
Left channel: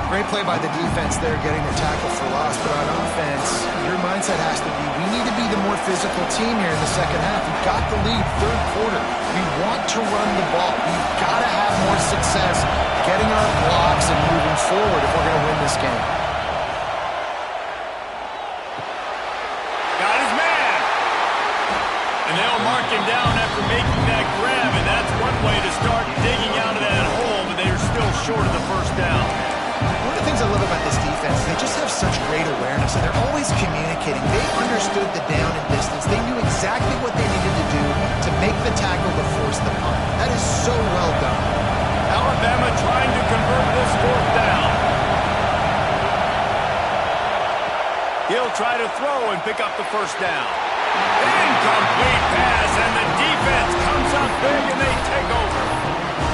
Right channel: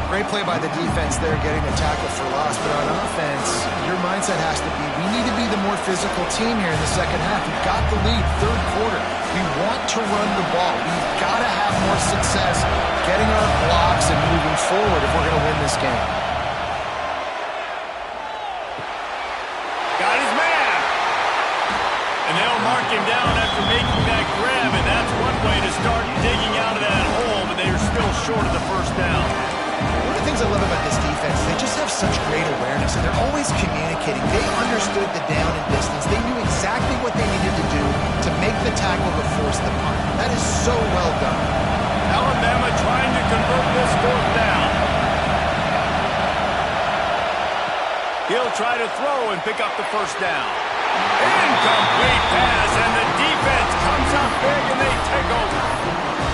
Great play by the defense there, getting the tackle for loss. But on offense, your mindset has to be, we need to be the more physical team here in the second half. We've got the lead, third quarter. We want to run the ball. We've got to have more success getting our blocks and moving forward if we're going to win this game. Got his man. And they'll mark him down after making that grab, and that's one way to start digging out of that hole, but they are still short of the first down. One of the things I love about this defense, they just have such great awareness, and they're always communicating. They understood the down and distance. They knew exactly what they needed to do to make the tackle to force the punt. That is so well done. Alabama trying to convert this fourth down. He'll try to throw and pick up the first down. Incomplete pass, and the defense comes up big, and they take over.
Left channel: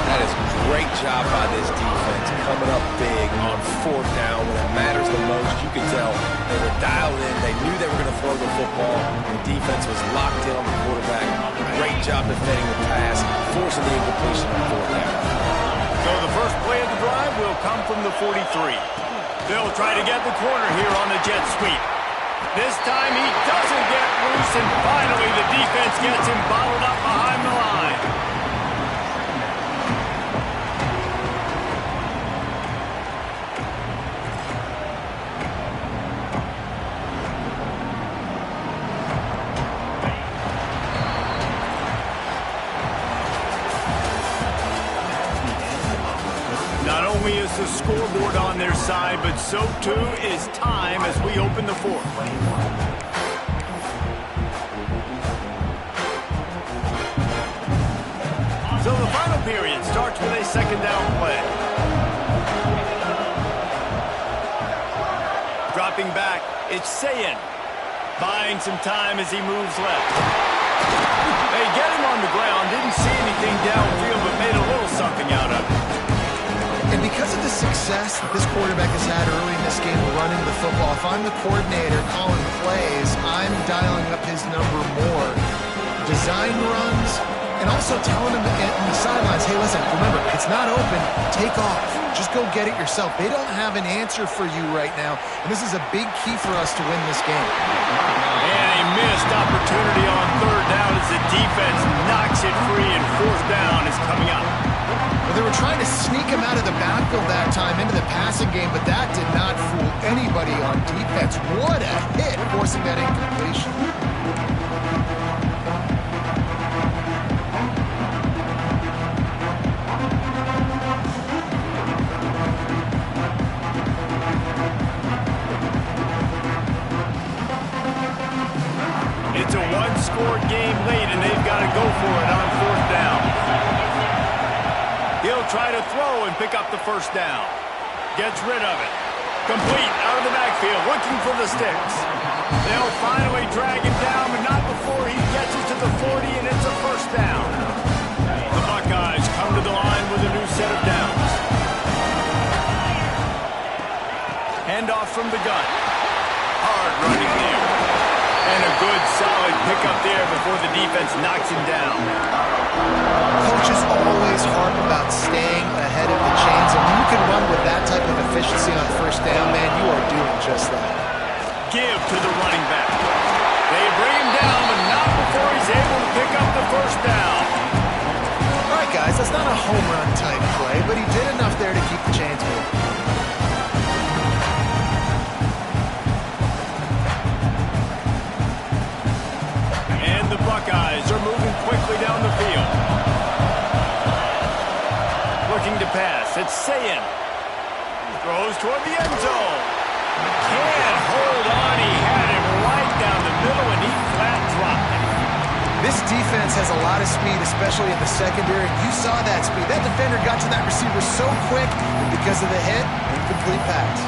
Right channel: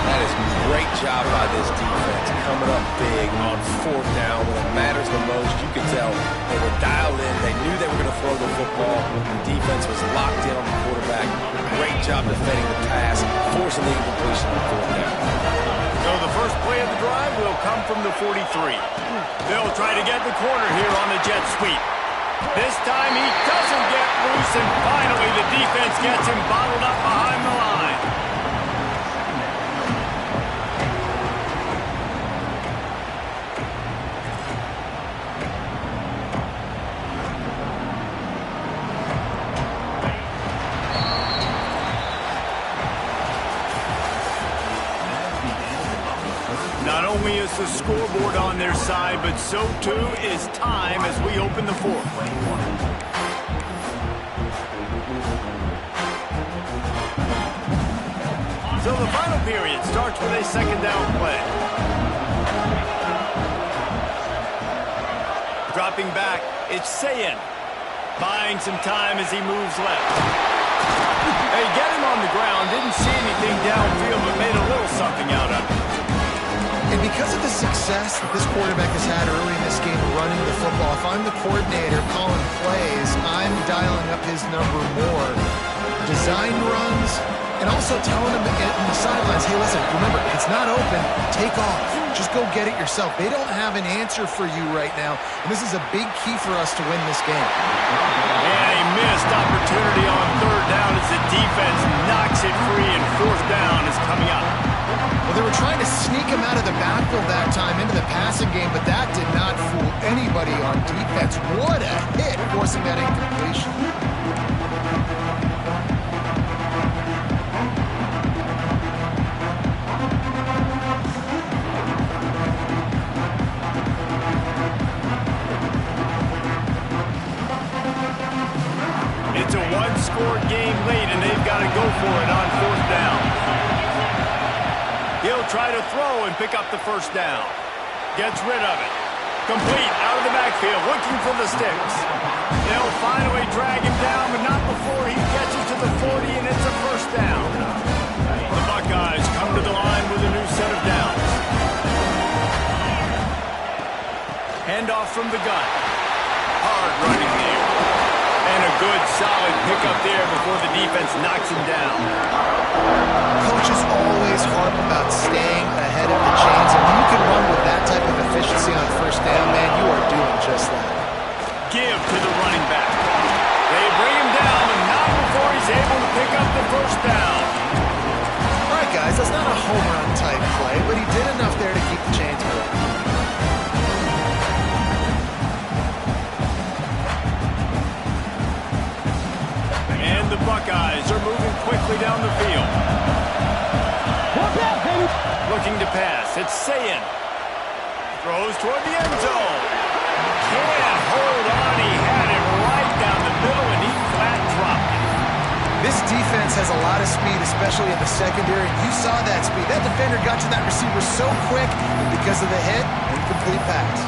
That is a great job by this defense, coming up big on fourth down when it matters the most. You could tell they were dialed in. They knew they were going to throw the football. The defense was locked in on the quarterback. Great job defending the pass, forcing the incompletion on fourth down. So the first play of the drive will come from the 43. They'll try to get the corner here on the jet sweep. This time he doesn't get loose, and finally the defense gets him bottled up behind the line. Not only is the scoreboard on their side, but so too is time as we open the fourth. So the final period starts with a second down play. Dropping back, it's Sayin. Buying some time as he moves left. They get him on the ground, didn't see anything downfield, but made a little something out of it. And because of the success that this quarterback has had early in this game running the football, if I'm the coordinator calling plays, I'm dialing up his number more. Design runs, and also telling him in the sidelines, hey, listen, remember, it's not open, take off. Just go get it yourself. They don't have an answer for you right now, and this is a big key for us to win this game. And a missed opportunity on third down as the defense knocks it free, and fourth down is coming up. Well, they were trying to sneak him out of the backfield that time into the passing game, but that did not fool anybody on defense. What a hit, forcing that incompletion. It's a one-score game late, and they've got to go for it on fourth down. He'll try to throw and pick up the first down. Gets rid of it. Complete out of the backfield, looking for the sticks. They'll finally drag him down, but not before he gets it to the 40, and it's a first down. The Buckeyes come to the line with a new set of downs. Handoff from the gun. Hard running there. And a good, solid pickup there before the defense knocks him down. Coaches always harp about staying ahead of the chains, and when you can run with that type of efficiency on first down, man, you are doing just that. Give to the running back. They bring him down, but not before he's able to pick up the first down. All right, guys, that's not a home run type play, but he did enough there to keep the chains moving. And the Buckeyes are moving quickly down the field. Looking to pass. It's Sayin. Throws toward the end zone. Can't hold on. He had it right down the middle, and he flat dropped it. This defense has a lot of speed, especially in the secondary. You saw that speed. That defender got to that receiver so quick, and because of the hit, incomplete pass.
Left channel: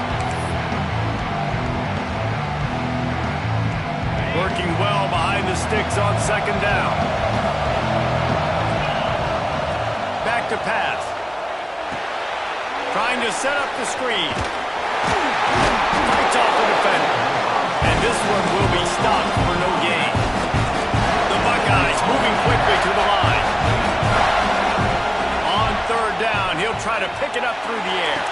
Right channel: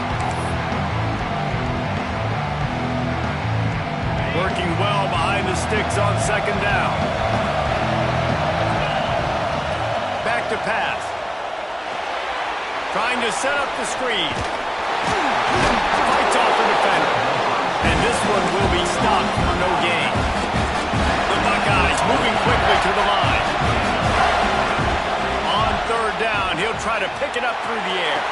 Working well behind the sticks on second down. Back to pass. Trying to set up the screen. Fights off the defender. And this one will be stopped for no gain. The Buckeyes moving quickly to the line. On third down, he'll try to pick it up through the air.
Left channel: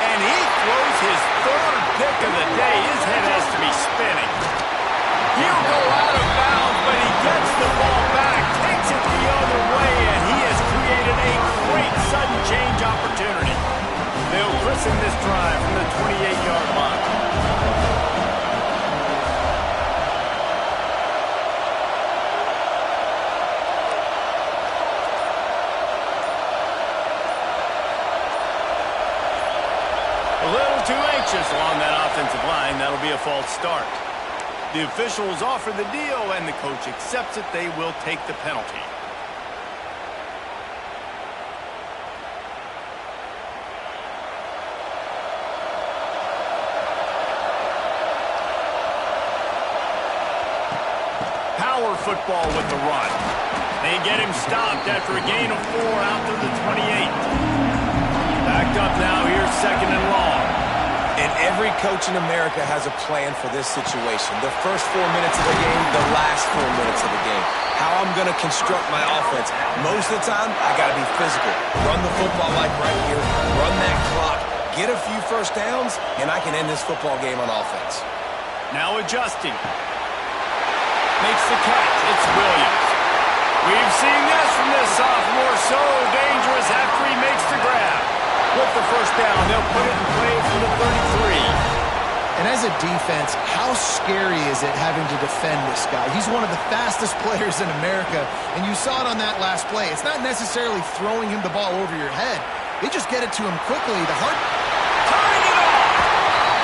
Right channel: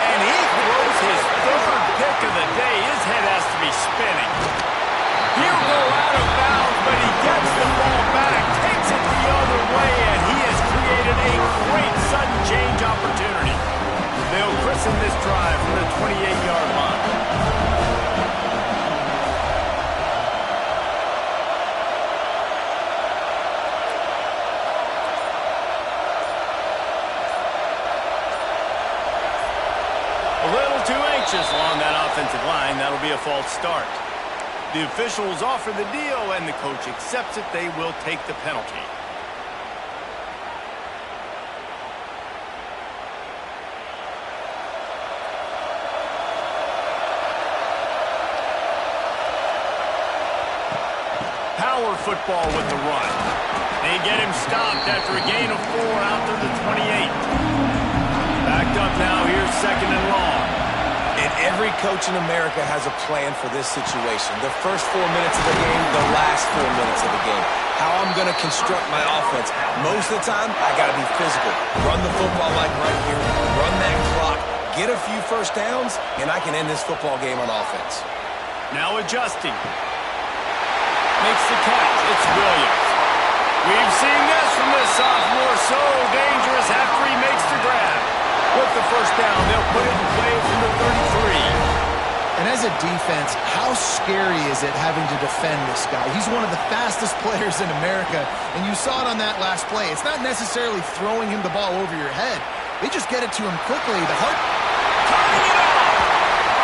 And he throws his third pick of the day. His head has to be spinning. He'll go out of bounds, but he gets the ball back, takes it the other way, and he has created a great sudden change opportunity. They'll christen this drive from the 28-yard line. A little too anxious along that offensive line. That'll be a false start. The officials offer the deal, and the coach accepts it. They will take the penalty. Power football with the run. They get him stopped after a gain of 4 out to the 28. Backed up now. Here's second and long. And every coach in America has a plan for this situation. The first 4 minutes of the game, the last 4 minutes of the game. How I'm going to construct my offense. Most of the time, I got to be physical. Run the football like right here. Run that clock. Get a few first downs, and I can end this football game on offense. Now adjusting. Makes the catch. It's Williams. We've seen this from this sophomore. So dangerous after he makes the grab. With the first down, they'll put it in play from the 33. And as a defense, how scary is it having to defend this guy? He's one of the fastest players in America, and you saw it on that last play. It's not necessarily throwing him the ball over your head. They just get it to him quickly. Turning it off.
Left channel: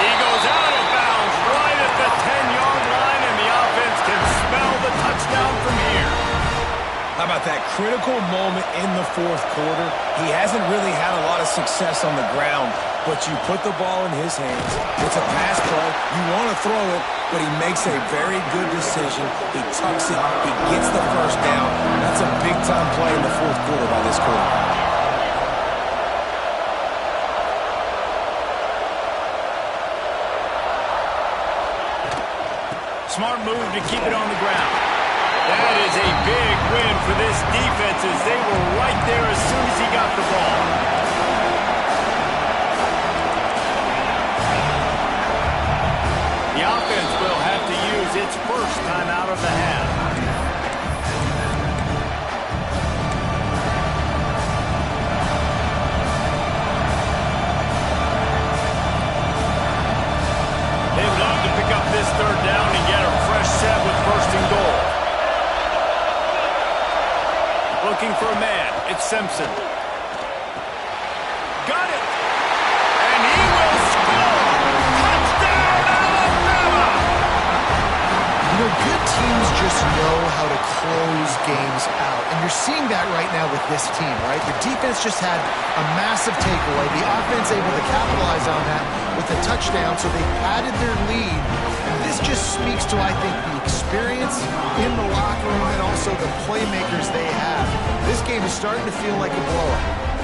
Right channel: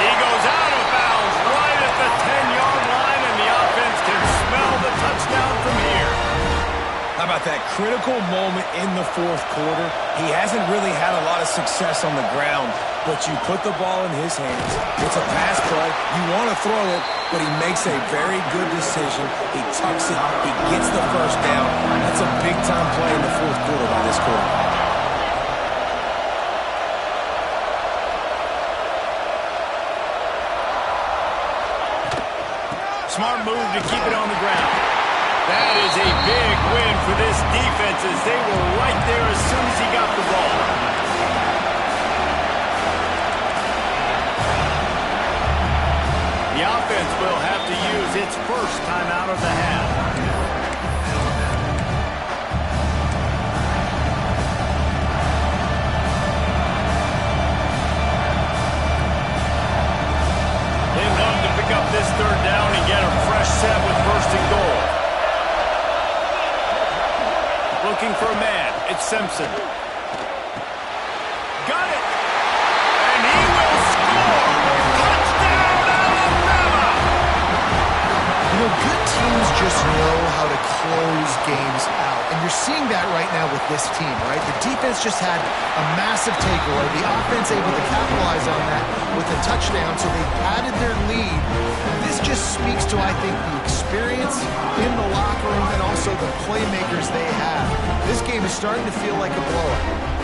He goes out of bounds right at the 10-yard line, and the offense can smell the touchdown from here. How about that critical moment in the fourth quarter? He hasn't really had a lot of success on the ground, but you put the ball in his hands. It's a pass play. You want to throw it, but he makes a very good decision. He tucks it. He gets the first down. That's a big-time play in the fourth quarter by this quarterback. Smart move to keep it on the ground. That is a big win for this defense as they were right there as soon as he got the ball. The offense will have to use its first timeout of the half. They'd love to pick up this third down and get a fresh set with first and goal. Looking for a man. It's Simpson. Got it. And he will score. Touchdown, Alabama. You know, good teams just know how to close games out. And you're seeing that right now with this team, right? The defense just had a massive takeaway. The offense able to capitalize on that with a touchdown, so they padded their lead. And this just speaks to, I think, the experience in the locker room and also the playmakers they have. This game is starting to feel like a blowout.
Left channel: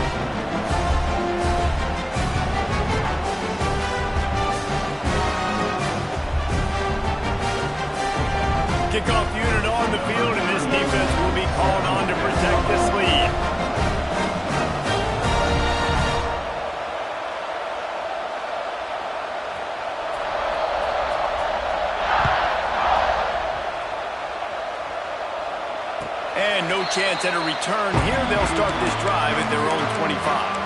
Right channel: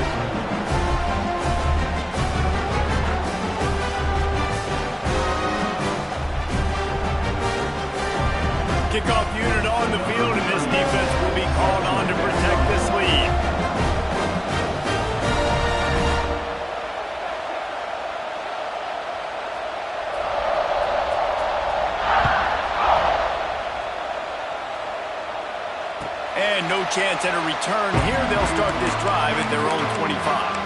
Kickoff unit on the field, and this defense will be called on to protect this lead. And no chance at a return here. They'll start this drive at their own 25.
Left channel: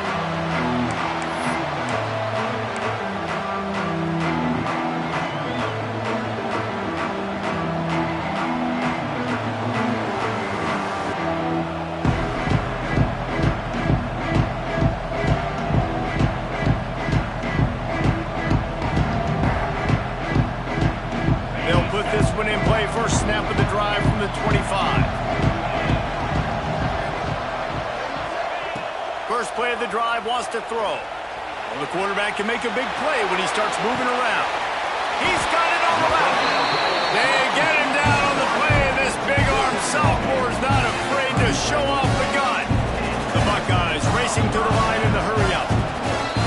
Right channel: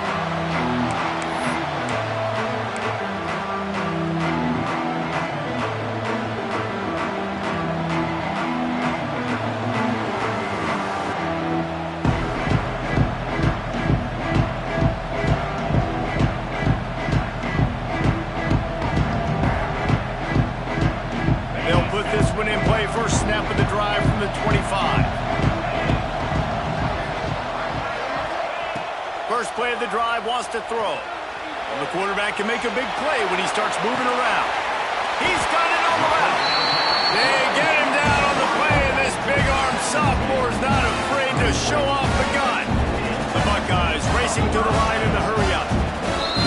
First snap of the drive from the 25. First play of the drive, wants to throw. Well, the quarterback can make a big play when he starts moving around. He's got it on the left. They get him down on the play, and this big-armed sophomore is not afraid to show off the gun. The Buckeyes racing to the line in the hurry-up.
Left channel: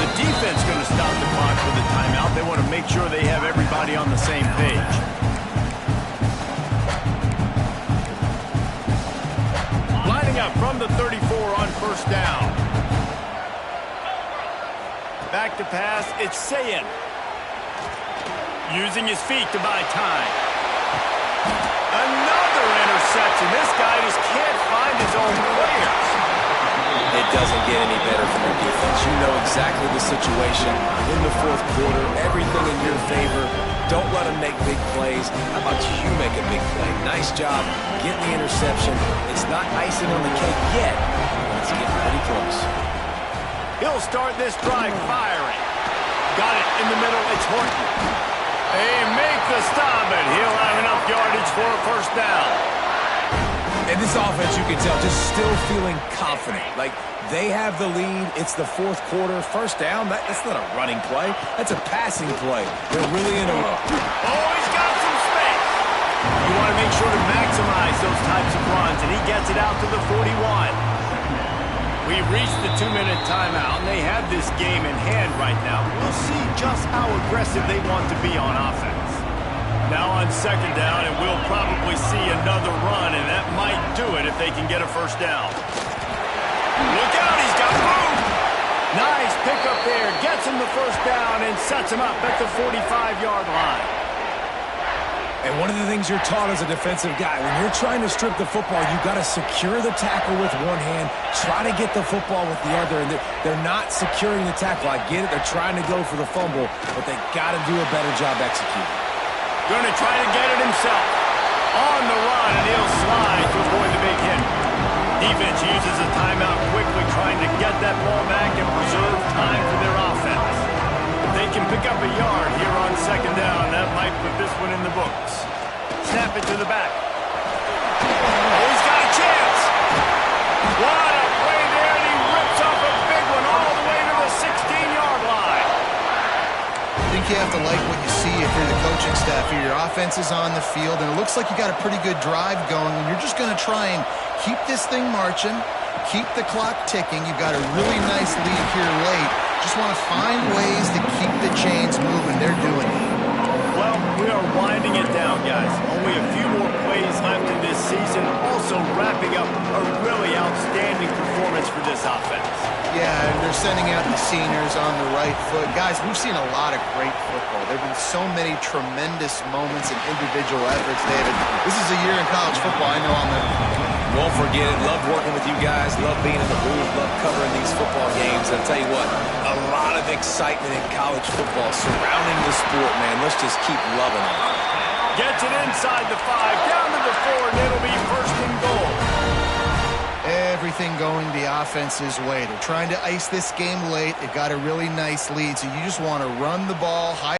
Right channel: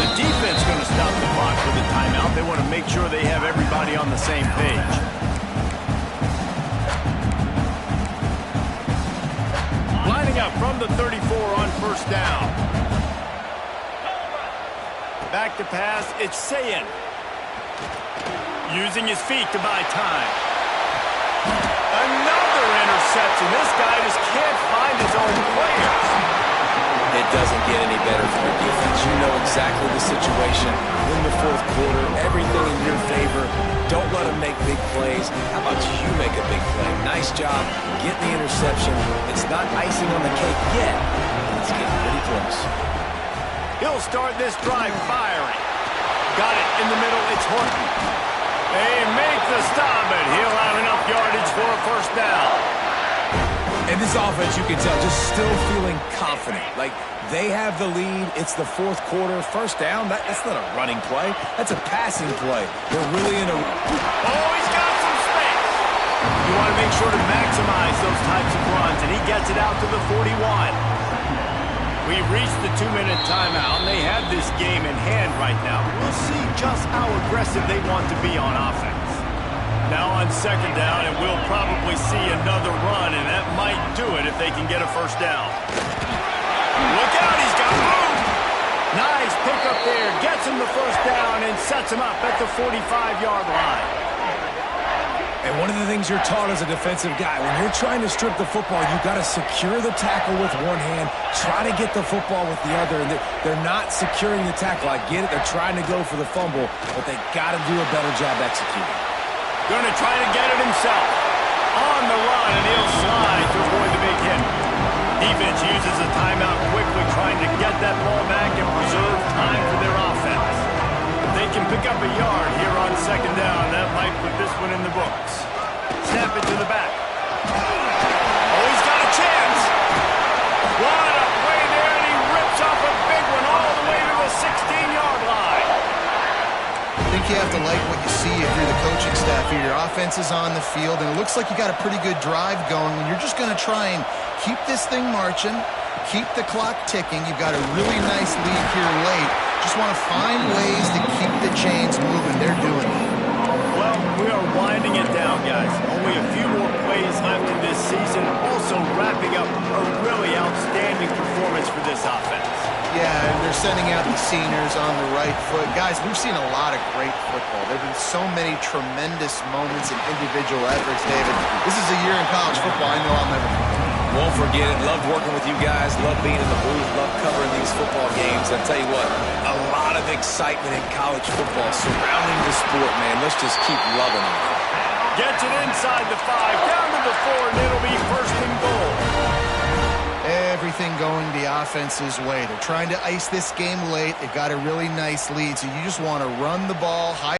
The defense going to stop the clock with a timeout. They want to make sure they have everybody on the same page. Lining up from the 34 on first down. Back to pass, it's Sayin. Using his feet to buy time. Another interception. This guy just can't find his own players. It doesn't get any better from your defense. You know exactly the situation in the fourth quarter. Everything in your favor. Don't let them make big plays. How about you make a big play? Nice job getting the interception. It's not icing on the cake yet, but it's getting pretty close. He'll start this drive firing. Got it in the middle. It's Horton. They make the stop, and he'll have enough yardage for a first down. And this offense, you can tell, just still feeling confident. Like, they have the lead. It's the fourth quarter. First down, that's not a running play. That's a passing play. They're really in a... Oh, he's got some space. You want to make sure to maximize those types of runs, and he gets it out to the 41. We've reached the 2-minute timeout, and they have this game in hand right now. We'll see just how aggressive they want to be on offense. Now on second down, and we'll probably see another run, and that might do it if they can get a first down. Look out, he's got room. Nice pickup there, gets him the first down and sets him up at the 45-yard line. And one of the things you're taught as a defensive guy, when you're trying to strip the football, you got to secure the tackle with one hand, try to get the football with the other, and they're not securing the tackle. I get it, they're trying to go for the fumble, but they got to do a better job executing. Going to try to get it himself. On the run, and he'll slide to avoid the big hit. Defense uses a timeout quickly, trying to get that ball back and preserve time for their offense. If they can pick up a yard here on second down, that might put this one in the books. Snap it to the back. Oh, he's got a chance. What a play there, and he rips off a big one all the way to the 16-yard line. I think you have to like what you see if you're the coaching staff here. Your offense is on the field, and it looks like you got a pretty good drive going, and you're just going to try and keep this thing marching, keep the clock ticking. You've got a really nice lead here late. Just want to find ways to keep the chains moving. They're doing it. Well, we are winding it down, guys. Only a few more plays left in this season. Also wrapping up a really outstanding performance for this offense. Yeah, and they're sending out the seniors on the right foot. Guys, we've seen a lot of great football. There have been so many tremendous moments and individual efforts, David. This is a year in college football I know I'll never forget. Won't forget it. Loved working with you guys. Loved being in the booth. Loved covering these football games. And I'll tell you what, a lot of excitement in college football surrounding the sport, man. Let's just keep loving it. Gets it inside the 5, down to the 4, and it'll be first and goal. Everything going the offense's way. They're trying to ice this game late. They've got a really nice lead, so you just want to run the ball high.